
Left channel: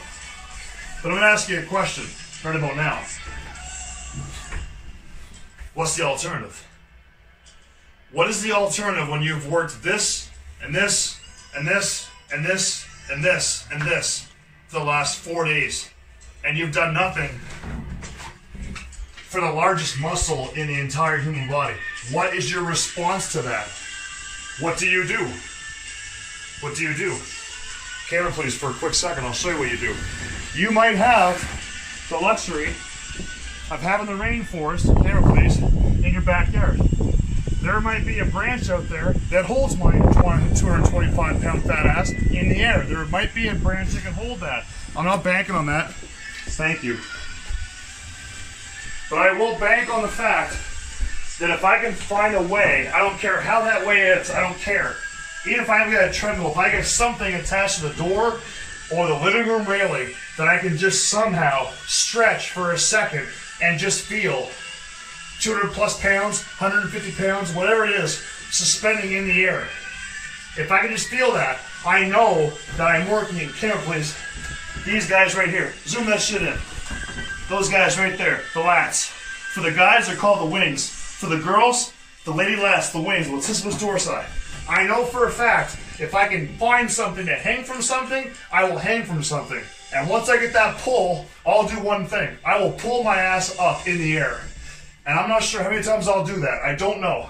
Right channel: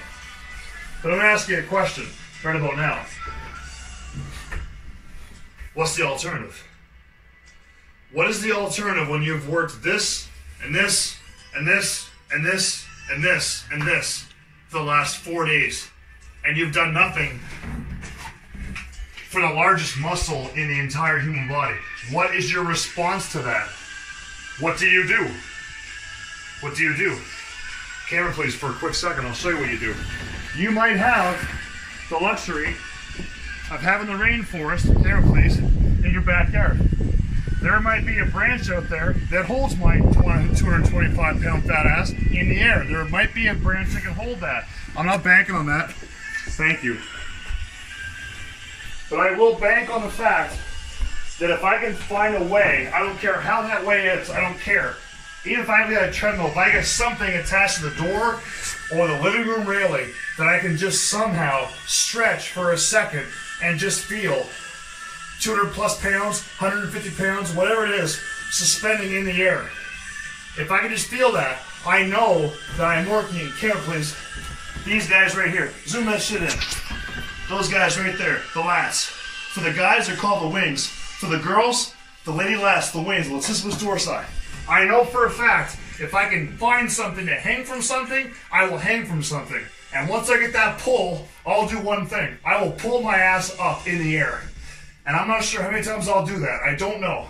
But I'm going to ask you a question, right about now. What's the alternative? What is the alternative when you've worked this, and this, and this, and this, and this, and this for the last 4 days, and you've done nothing for the largest muscle in the entire human body? What is your response to that? What do you do? What do you do? Camera please for a quick second, I'll show you what you do. You might have the luxury of having the rainforest, camera please, in your backyard. There might be a branch out there that holds my 225 pound fat ass in the air. There might be a branch that can hold that. I'm not banking on that. Thank you. But I will bank on the fact that if I can find a way, I don't care how that way is, I don't care. Even if I haven't got a treadmill, if I get something attached to the door or the living room railing that I can just somehow stretch for a second and just feel 200 plus pounds, 150 pounds, whatever it is, suspending in the air. If I can just feel that, I know that I'm working. Camera please. These guys right here. Zoom that shit in. Those guys right there, the lats. For the guys, they're called the wings. For the girls, the lady lats, the wings, latissimus dorsi. I know for a fact, if I can find something to hang from something, I will hang from something. And once I get that pull, I'll do one thing. I will pull my ass up in the air. And I'm not sure how many times I'll do that. I don't know.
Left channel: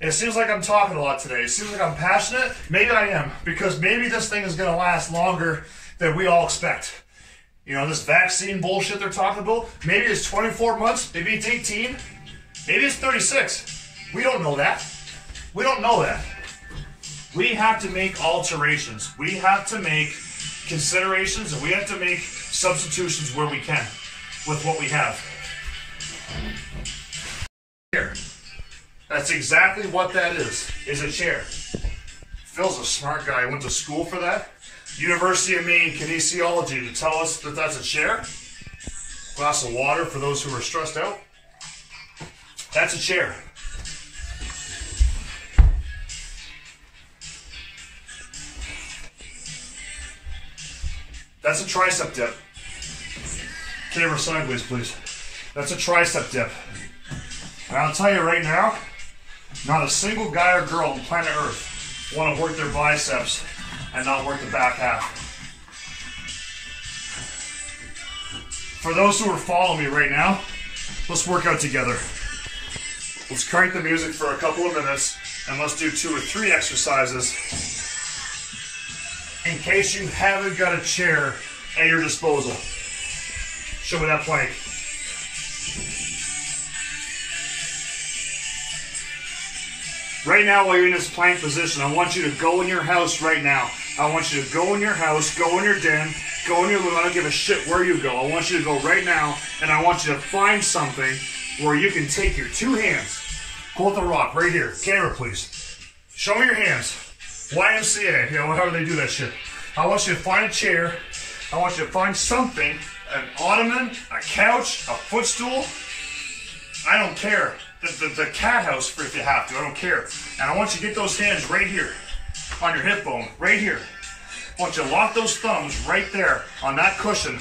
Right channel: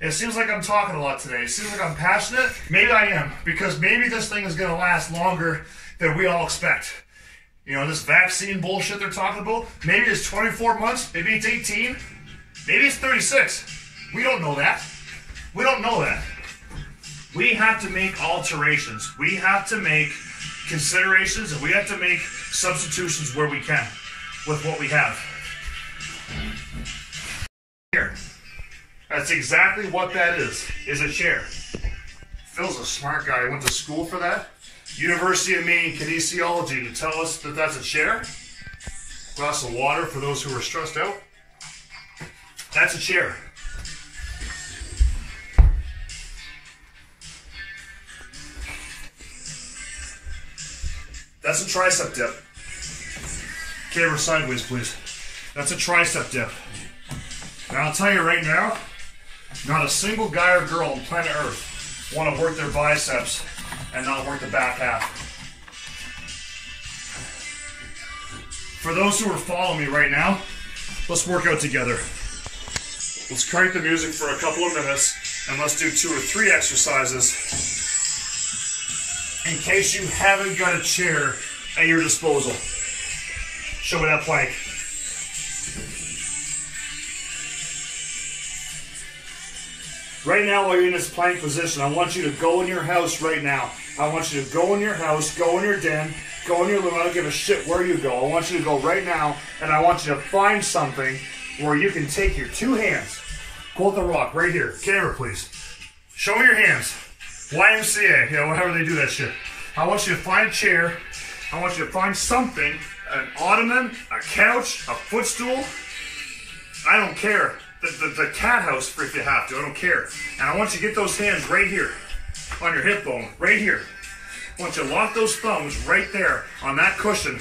It seems like I'm talking a lot today. It seems like I'm passionate. Maybe I am, because maybe this thing is going to last longer than we all expect. You know, this vaccine bullshit they're talking about, maybe it's 24 months, maybe it's 18, maybe it's 36. We don't know that. We don't know that. We have to make alterations. We have to make considerations, and we have to make substitutions where we can with what we have. Here. That's exactly what that is a chair. Phil's a smart guy. He went to school for that. University of Maine kinesiology to tell us that that's a chair. Glass of water for those who are stressed out. That's a chair. That's a tricep dip. Camera sideways, please. That's a tricep dip. And I'll tell you right now, not a single guy or girl on planet Earth want to work their biceps and not work the back half. For those who are following me right now, let's work out together. Let's crank the music for a couple of minutes and let's do 2 or 3 exercises in case you haven't got a chair at your disposal. Show me that plank. Right now, while you're in this plank position, I want you to go in your house right now. I want you to go in your house, go in your den, go in your room. I don't give a shit where you go. I want you to go right now, and I want you to find something where you can take your 2 hands, hold the rock right here. Camera, please. Show me your hands. YMCA, you know, however they do that shit. I want you to find a chair. I want you to find something, an ottoman, a couch, a footstool. I don't care. The cat house if you have to, I don't care. And I want you to get those hands right here on your hip bone, right here. I want you to lock those thumbs right there on that cushion.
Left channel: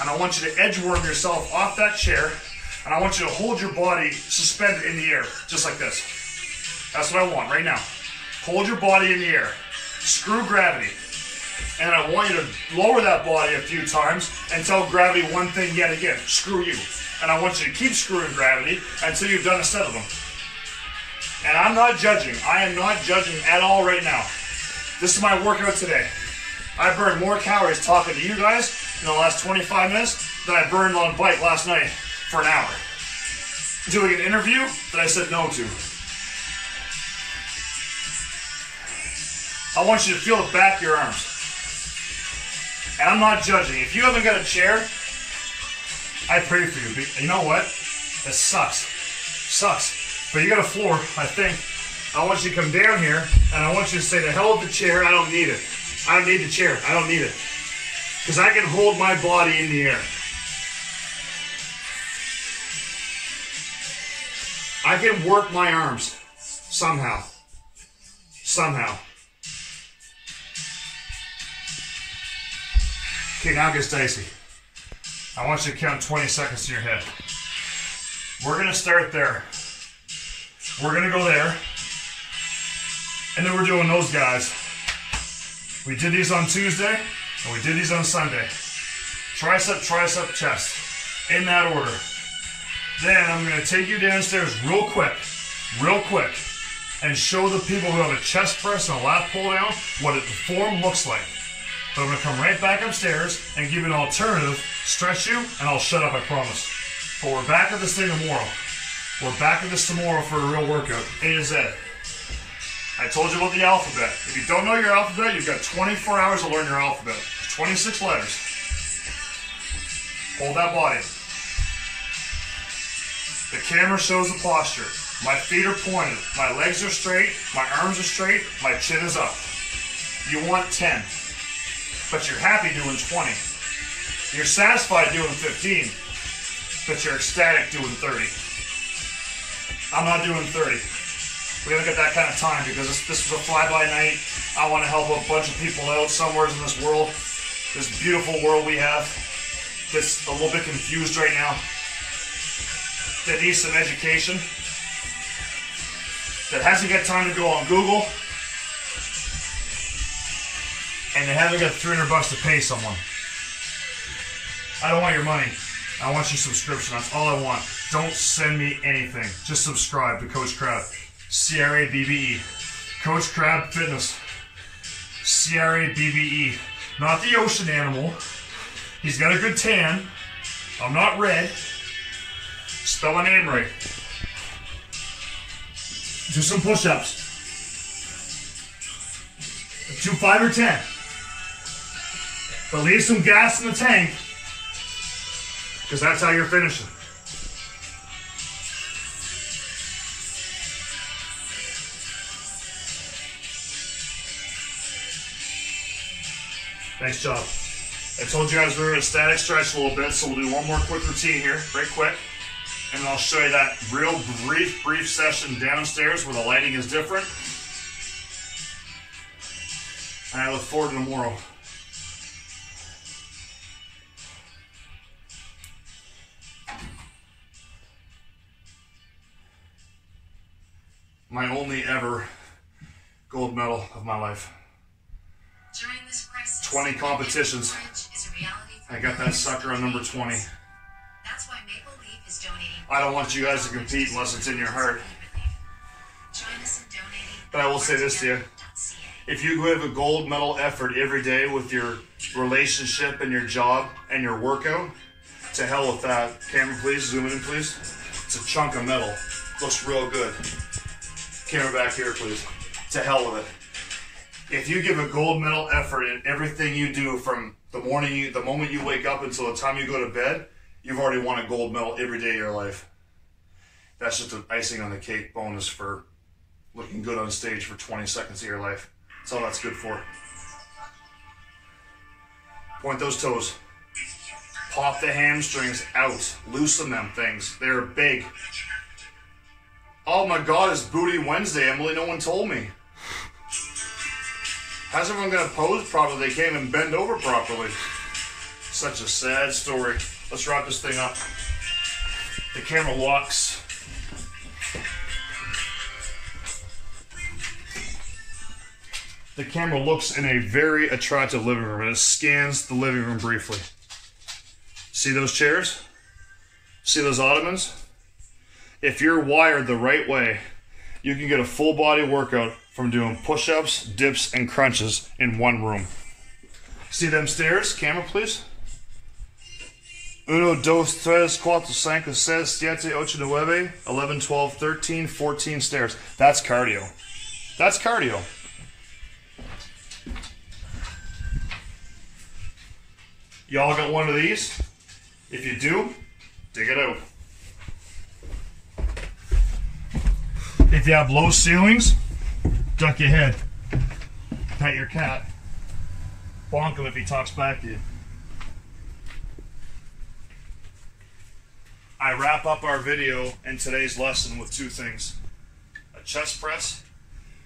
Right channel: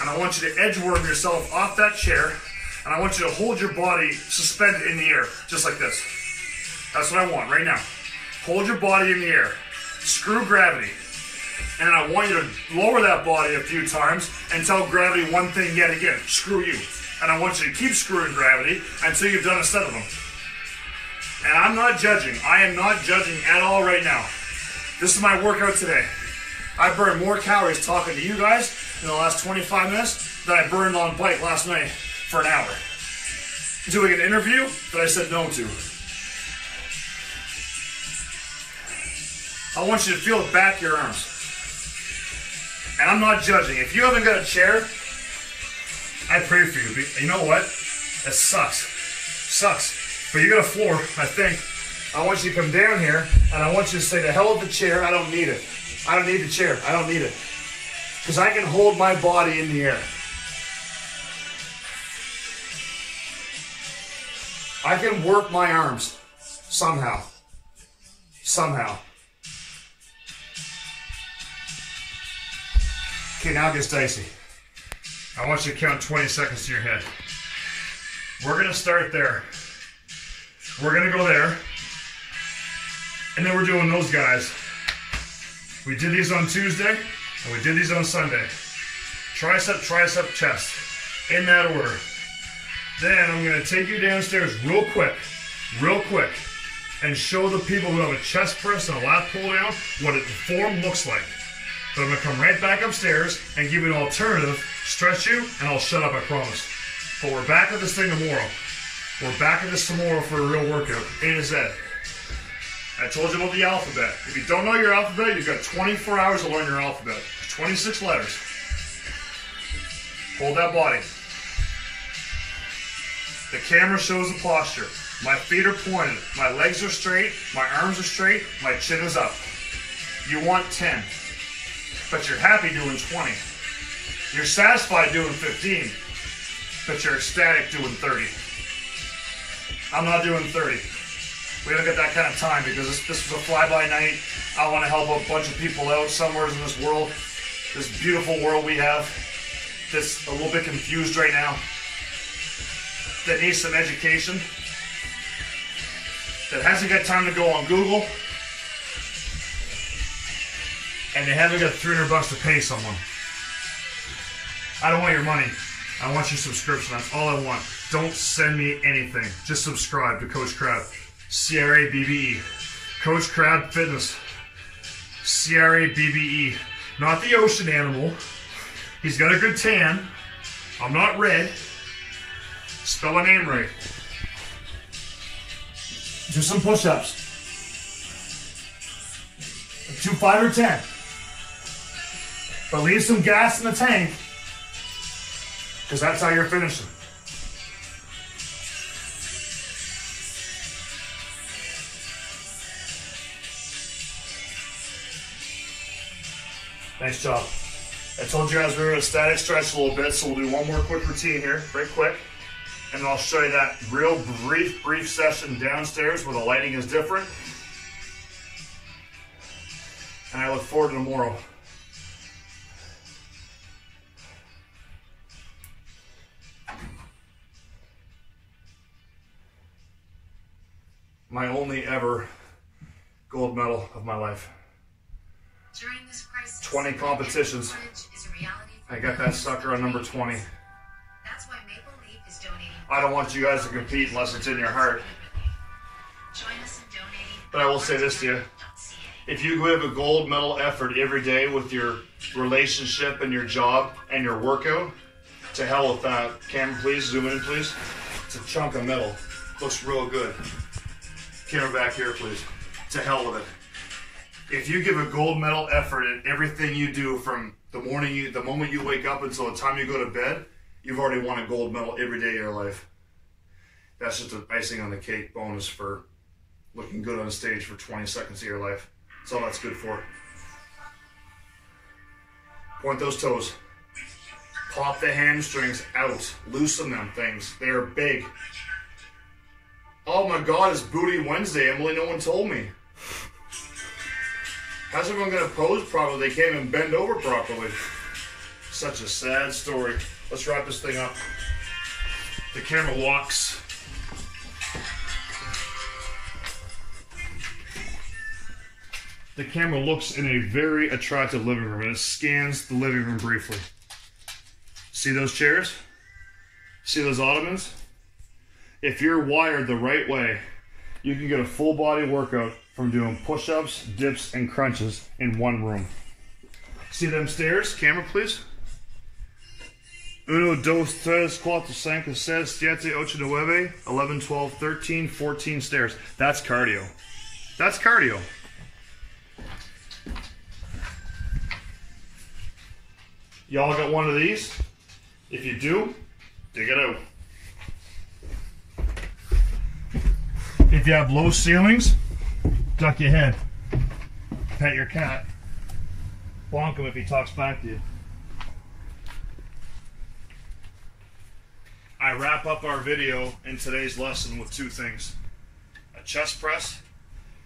And I want you to edge worm yourself off that chair. And I want you to hold your body suspended in the air, just like this. That's what I want right now. Hold your body in the air. Screw gravity. And I want you to lower that body a few times and tell gravity one thing yet again. Screw you. And I want you to keep screwing gravity until you've done a set of them. And I'm not judging. I am not judging at all right now. This is my workout today. I burned more calories talking to you guys in the last 25 minutes than I burned on bike last night for an hour. Doing an interview that I said no to. I want you to feel the back of your arms. And I'm not judging. If you haven't got a chair, I pray for you. You know what? It sucks. Sucks. But you got a floor, I think. I want you to come down here, and I want you to say, the hell with the chair, I don't need it. I don't need the chair. I don't need it. Because I can hold my body in the air. I can work my arms. Somehow. Somehow. Okay, now it gets dicey. I want you to count 20 seconds to your head. We're going to start there. We're going to go there. And then we're doing those guys. We did these on Tuesday, and we did these on Sunday. Tricep, tricep, chest. In that order. Then I'm going to take you downstairs real quick, and show the people who have a chest press and a lat pull down what the form looks like. But I'm going to come right back upstairs and give you an alternative, stretch you, and I'll shut up, I promise. But we're back at this thing tomorrow. We're back at this tomorrow for a real workout, A to Z. I told you about the alphabet. If you don't know your alphabet, you've got 24 hours to learn your alphabet. 26 letters. Hold that body. The camera shows the posture. My feet are pointed. My legs are straight. My arms are straight. My chin is up. You want 10. But you're happy doing 20. You're satisfied doing 15. But you're ecstatic doing 30. I'm not doing 30. We haven't got that kind of time because this was a fly-by night. I want to help a bunch of people out somewhere in this world. This beautiful world we have. That's a little bit confused right now. That needs some education. That hasn't got time to go on Google. And they haven't got $300 to pay someone. I don't want your money. I want your subscription. That's all I want. Don't send me anything. Just subscribe to Coach Crab. CRA BBE. Coach Crab Fitness. CRA BBE. Not the ocean animal. He's got a good tan. I'm not red. Spell my name right. Do some push-ups. Do 5 or 10. But leave some gas in the tank, because that's how you're finishing. Nice job. I told you guys we were going to static stretch a little bit, so we'll do one more quick routine here, very quick. And then I'll show you that real brief session downstairs where the lighting is different. And I look forward to tomorrow. My only ever gold medal of my life. During this crisis, 20 competitions. I got that sucker on number 20. That's why Maple Leaf is donating. I don't want you guys to compete unless it's in your heart. But I will say this to you. If you give a gold medal effort every day with your relationship and your job and your workout, to hell with that. Camera, please. Zoom in, please. It's a chunk of metal. Looks real good. Camera back here, please. To hell with it. If you give a gold medal effort in everything you do from the moment you wake up until the time you go to bed, you've already won a gold medal every day of your life. That's just an icing on the cake bonus for looking good on stage for 20 seconds of your life. That's all that's good for. Point those toes. Pop the hamstrings out. Loosen them things. They're big. Oh my God, it's Booty Wednesday. Emily, no one told me. How's everyone going to pose properly? They can't even bend over properly. Such a sad story. Let's wrap this thing up. The camera walks. The camera looks in a very attractive living room, and it scans the living room briefly. See those chairs? See those ottomans? If you're wired the right way, you can get a full body workout from doing push-ups, dips, and crunches in one room. See them stairs? Camera, please. 1, 2, 3, 4, 5, 6, 7, 8, 9, 11, 12, 13, 14 stairs. That's cardio. That's cardio. Y'all got one of these? If you do, dig it out. If you have low ceilings, duck your head. Pet your cat. Bonk him if he talks back to you. I wrap up our video and today's lesson with 2 things. A chest press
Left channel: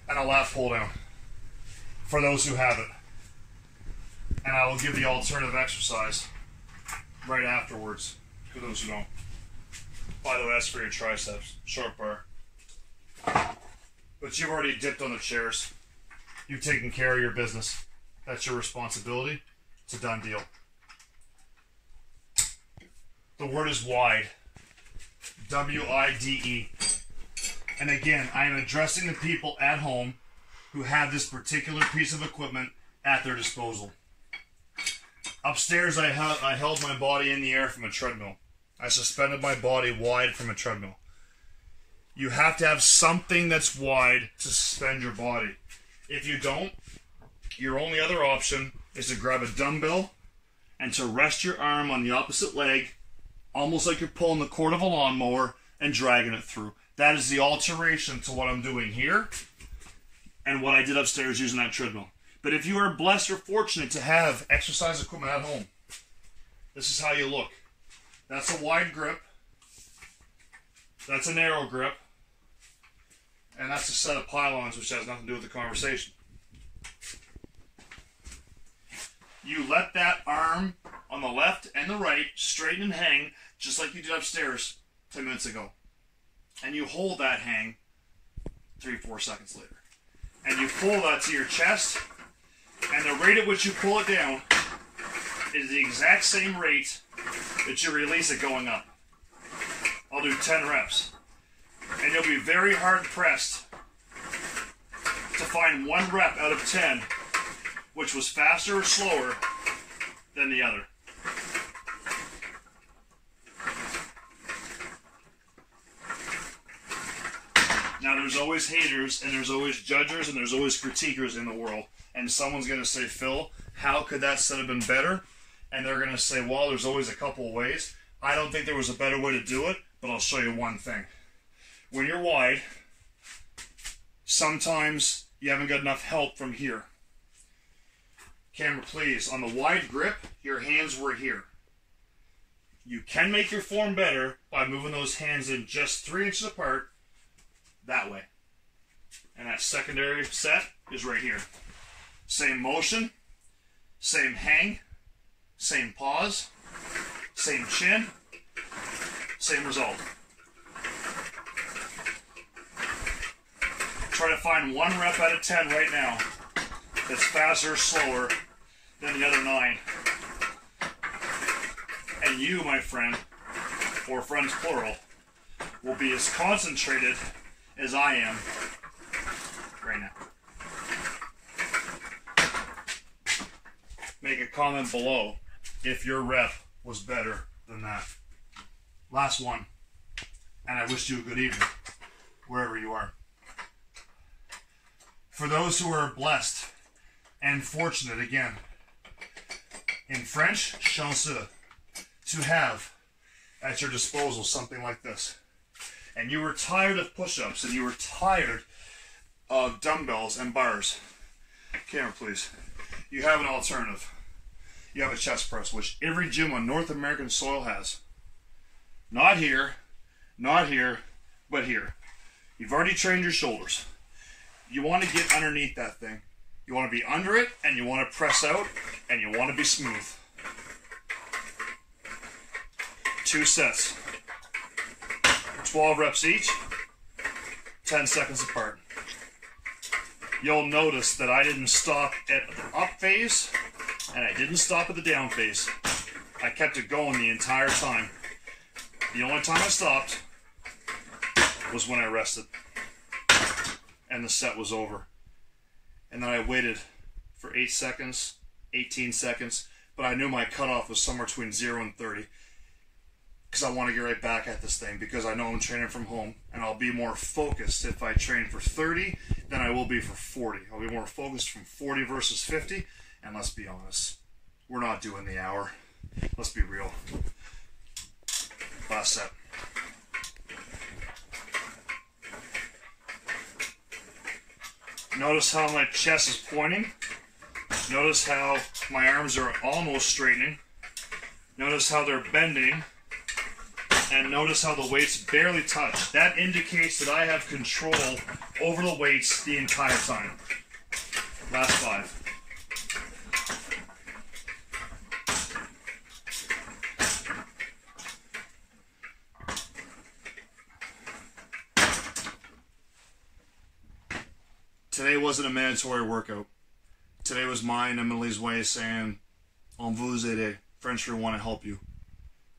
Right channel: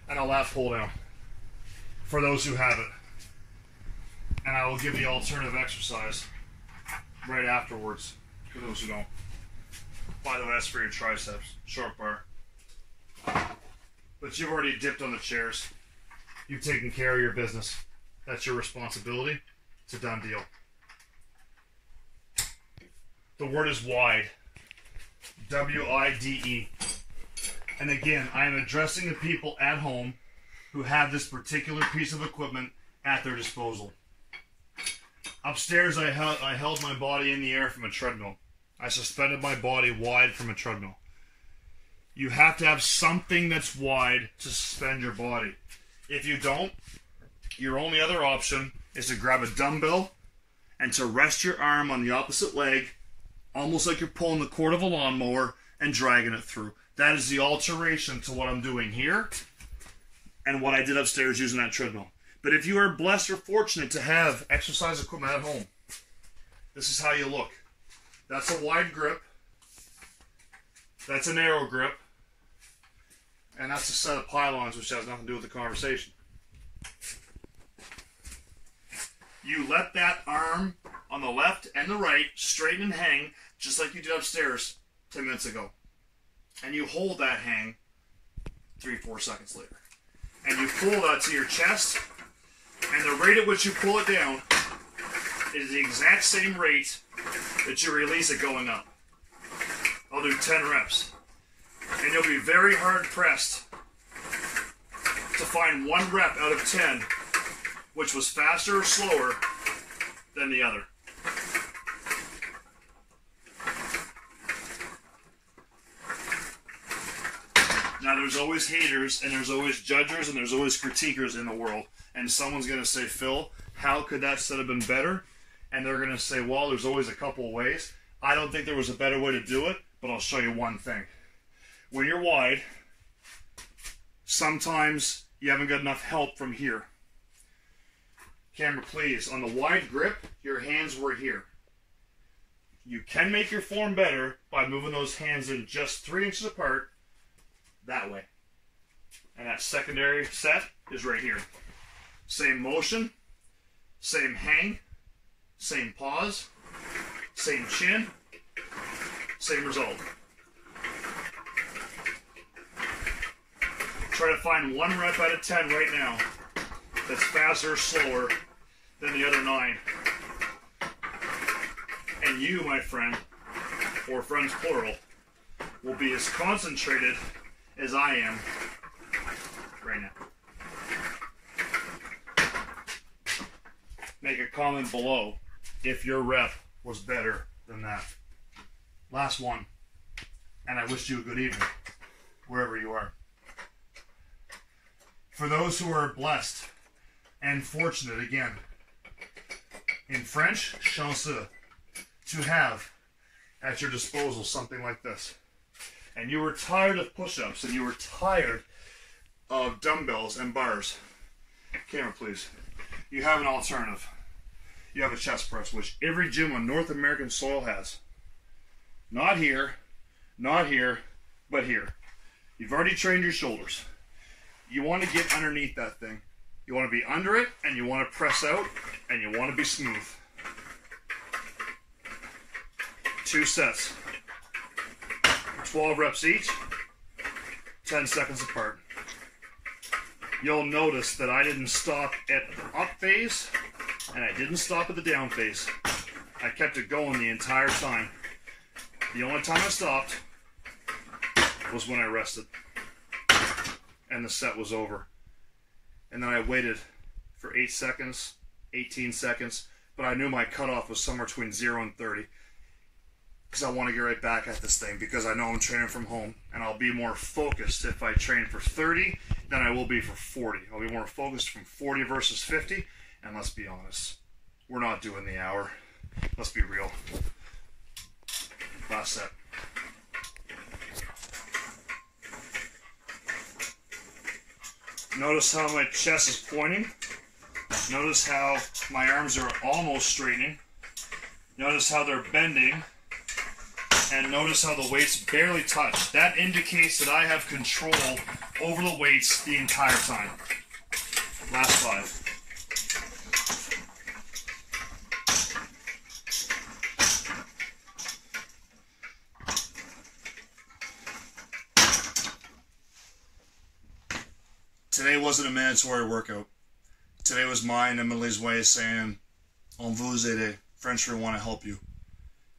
and a lat pull down. For those who have it. And I will give the alternative exercise right afterwards for those who don't. By the way, that's for your triceps. Short bar. But you've already dipped on the chairs. You've taken care of your business. That's your responsibility. It's a done deal. The word is wide. W-I-D-E. And again, I am addressing the people at home who have this particular piece of equipment at their disposal. Upstairs, I held my body in the air from a treadmill. I suspended my body wide from a treadmill. You have to have something that's wide to suspend your body. If you don't, your only other option is to grab a dumbbell and to rest your arm on the opposite leg, almost like you're pulling the cord of a lawnmower and dragging it through. That is the alteration to what I'm doing here and what I did upstairs using that treadmill. But if you are blessed or fortunate to have exercise equipment at home, this is how you look. That's a wide grip. That's a narrow grip. And that's a set of pylons, which has nothing to do with the conversation. You let that arm on the left and the right straighten and hang, just like you did upstairs 10 minutes ago. And you hold that hang 3-4 seconds later. And you pull that to your chest, and the rate at which you pull it down is the exact same rate that you release it going up. I'll do 10 reps. And you'll be very hard pressed to find one rep out of 10 which was faster or slower than the other. Now, there's always haters, and there's always judgers, and there's always critiquers in the world. And someone's going to say, Phil, how could that set have been better? And they're going to say, well, there's always a couple of ways. I don't think there was a better way to do it, but I'll show you one thing. When you're wide, sometimes you haven't got enough help from here. Camera, please. On the wide grip, your hands were here. You can make your form better by moving those hands in just 3 inches apart that way. And that secondary set is right here. Same motion, same hang, same pause, same chin, same result. Try to find one rep out of 10 right now that's faster or slower than the other 9. And you, my friend, or friends plural, will be as concentrated as I am right now. Make a comment below if your rep was better than that. Last one. And I wish you a good evening, wherever you are. For those who are blessed and fortunate, again, in French, chanceux, to have at your disposal something like this. And you were tired of push-ups, and you were tired of dumbbells and bars. Camera, please. You have an alternative. You have a chest press, which every gym on North American soil has. Not here, but here. You've already trained your shoulders. You want to get underneath that thing. You want to be under it, and you want to press out, and you want to be smooth. 2 sets. 12 reps each, 10 seconds apart. You'll notice that I didn't stop at the up phase, and I didn't stop at the down phase. I kept it going the entire time. The only time I stopped was when I rested, and the set was over. And then I waited for 8 seconds, 18 seconds, but I knew my cutoff was somewhere between 0 and 30. Because I want to get right back at this thing, because I know I'm training from home, and I'll be more focused if I train for 30 than I will be for 40. I'll be more focused from 40 versus 50, and let's be honest, we're not doing the hour. Let's be real. Last set. Notice how my chest is pointing. Notice how my arms are almost straightening. Notice how they're bending. And notice how the weights barely touch. That indicates that I have control over the weights the entire time. Last 5. Today wasn't a mandatory workout. Today was mine and Emily's way of saying, on vous aider. French, we want to help you.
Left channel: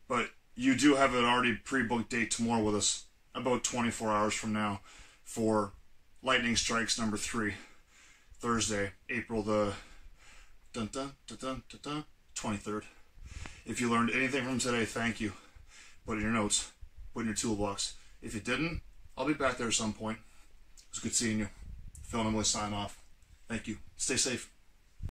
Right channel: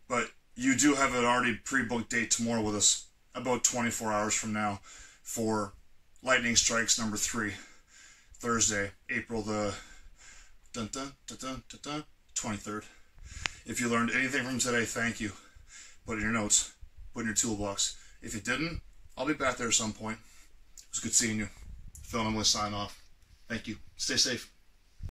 But you do have an already pre-booked date tomorrow with us, about 24 hours from now, for Lightning Strikes number 3, Thursday, April the 23rd. If you learned anything from today, thank you. Put it in your notes, put it in your toolbox. If you didn't, I'll be back there at some point. It was good seeing you. Phil and Emily sign off. Thank you. Stay safe.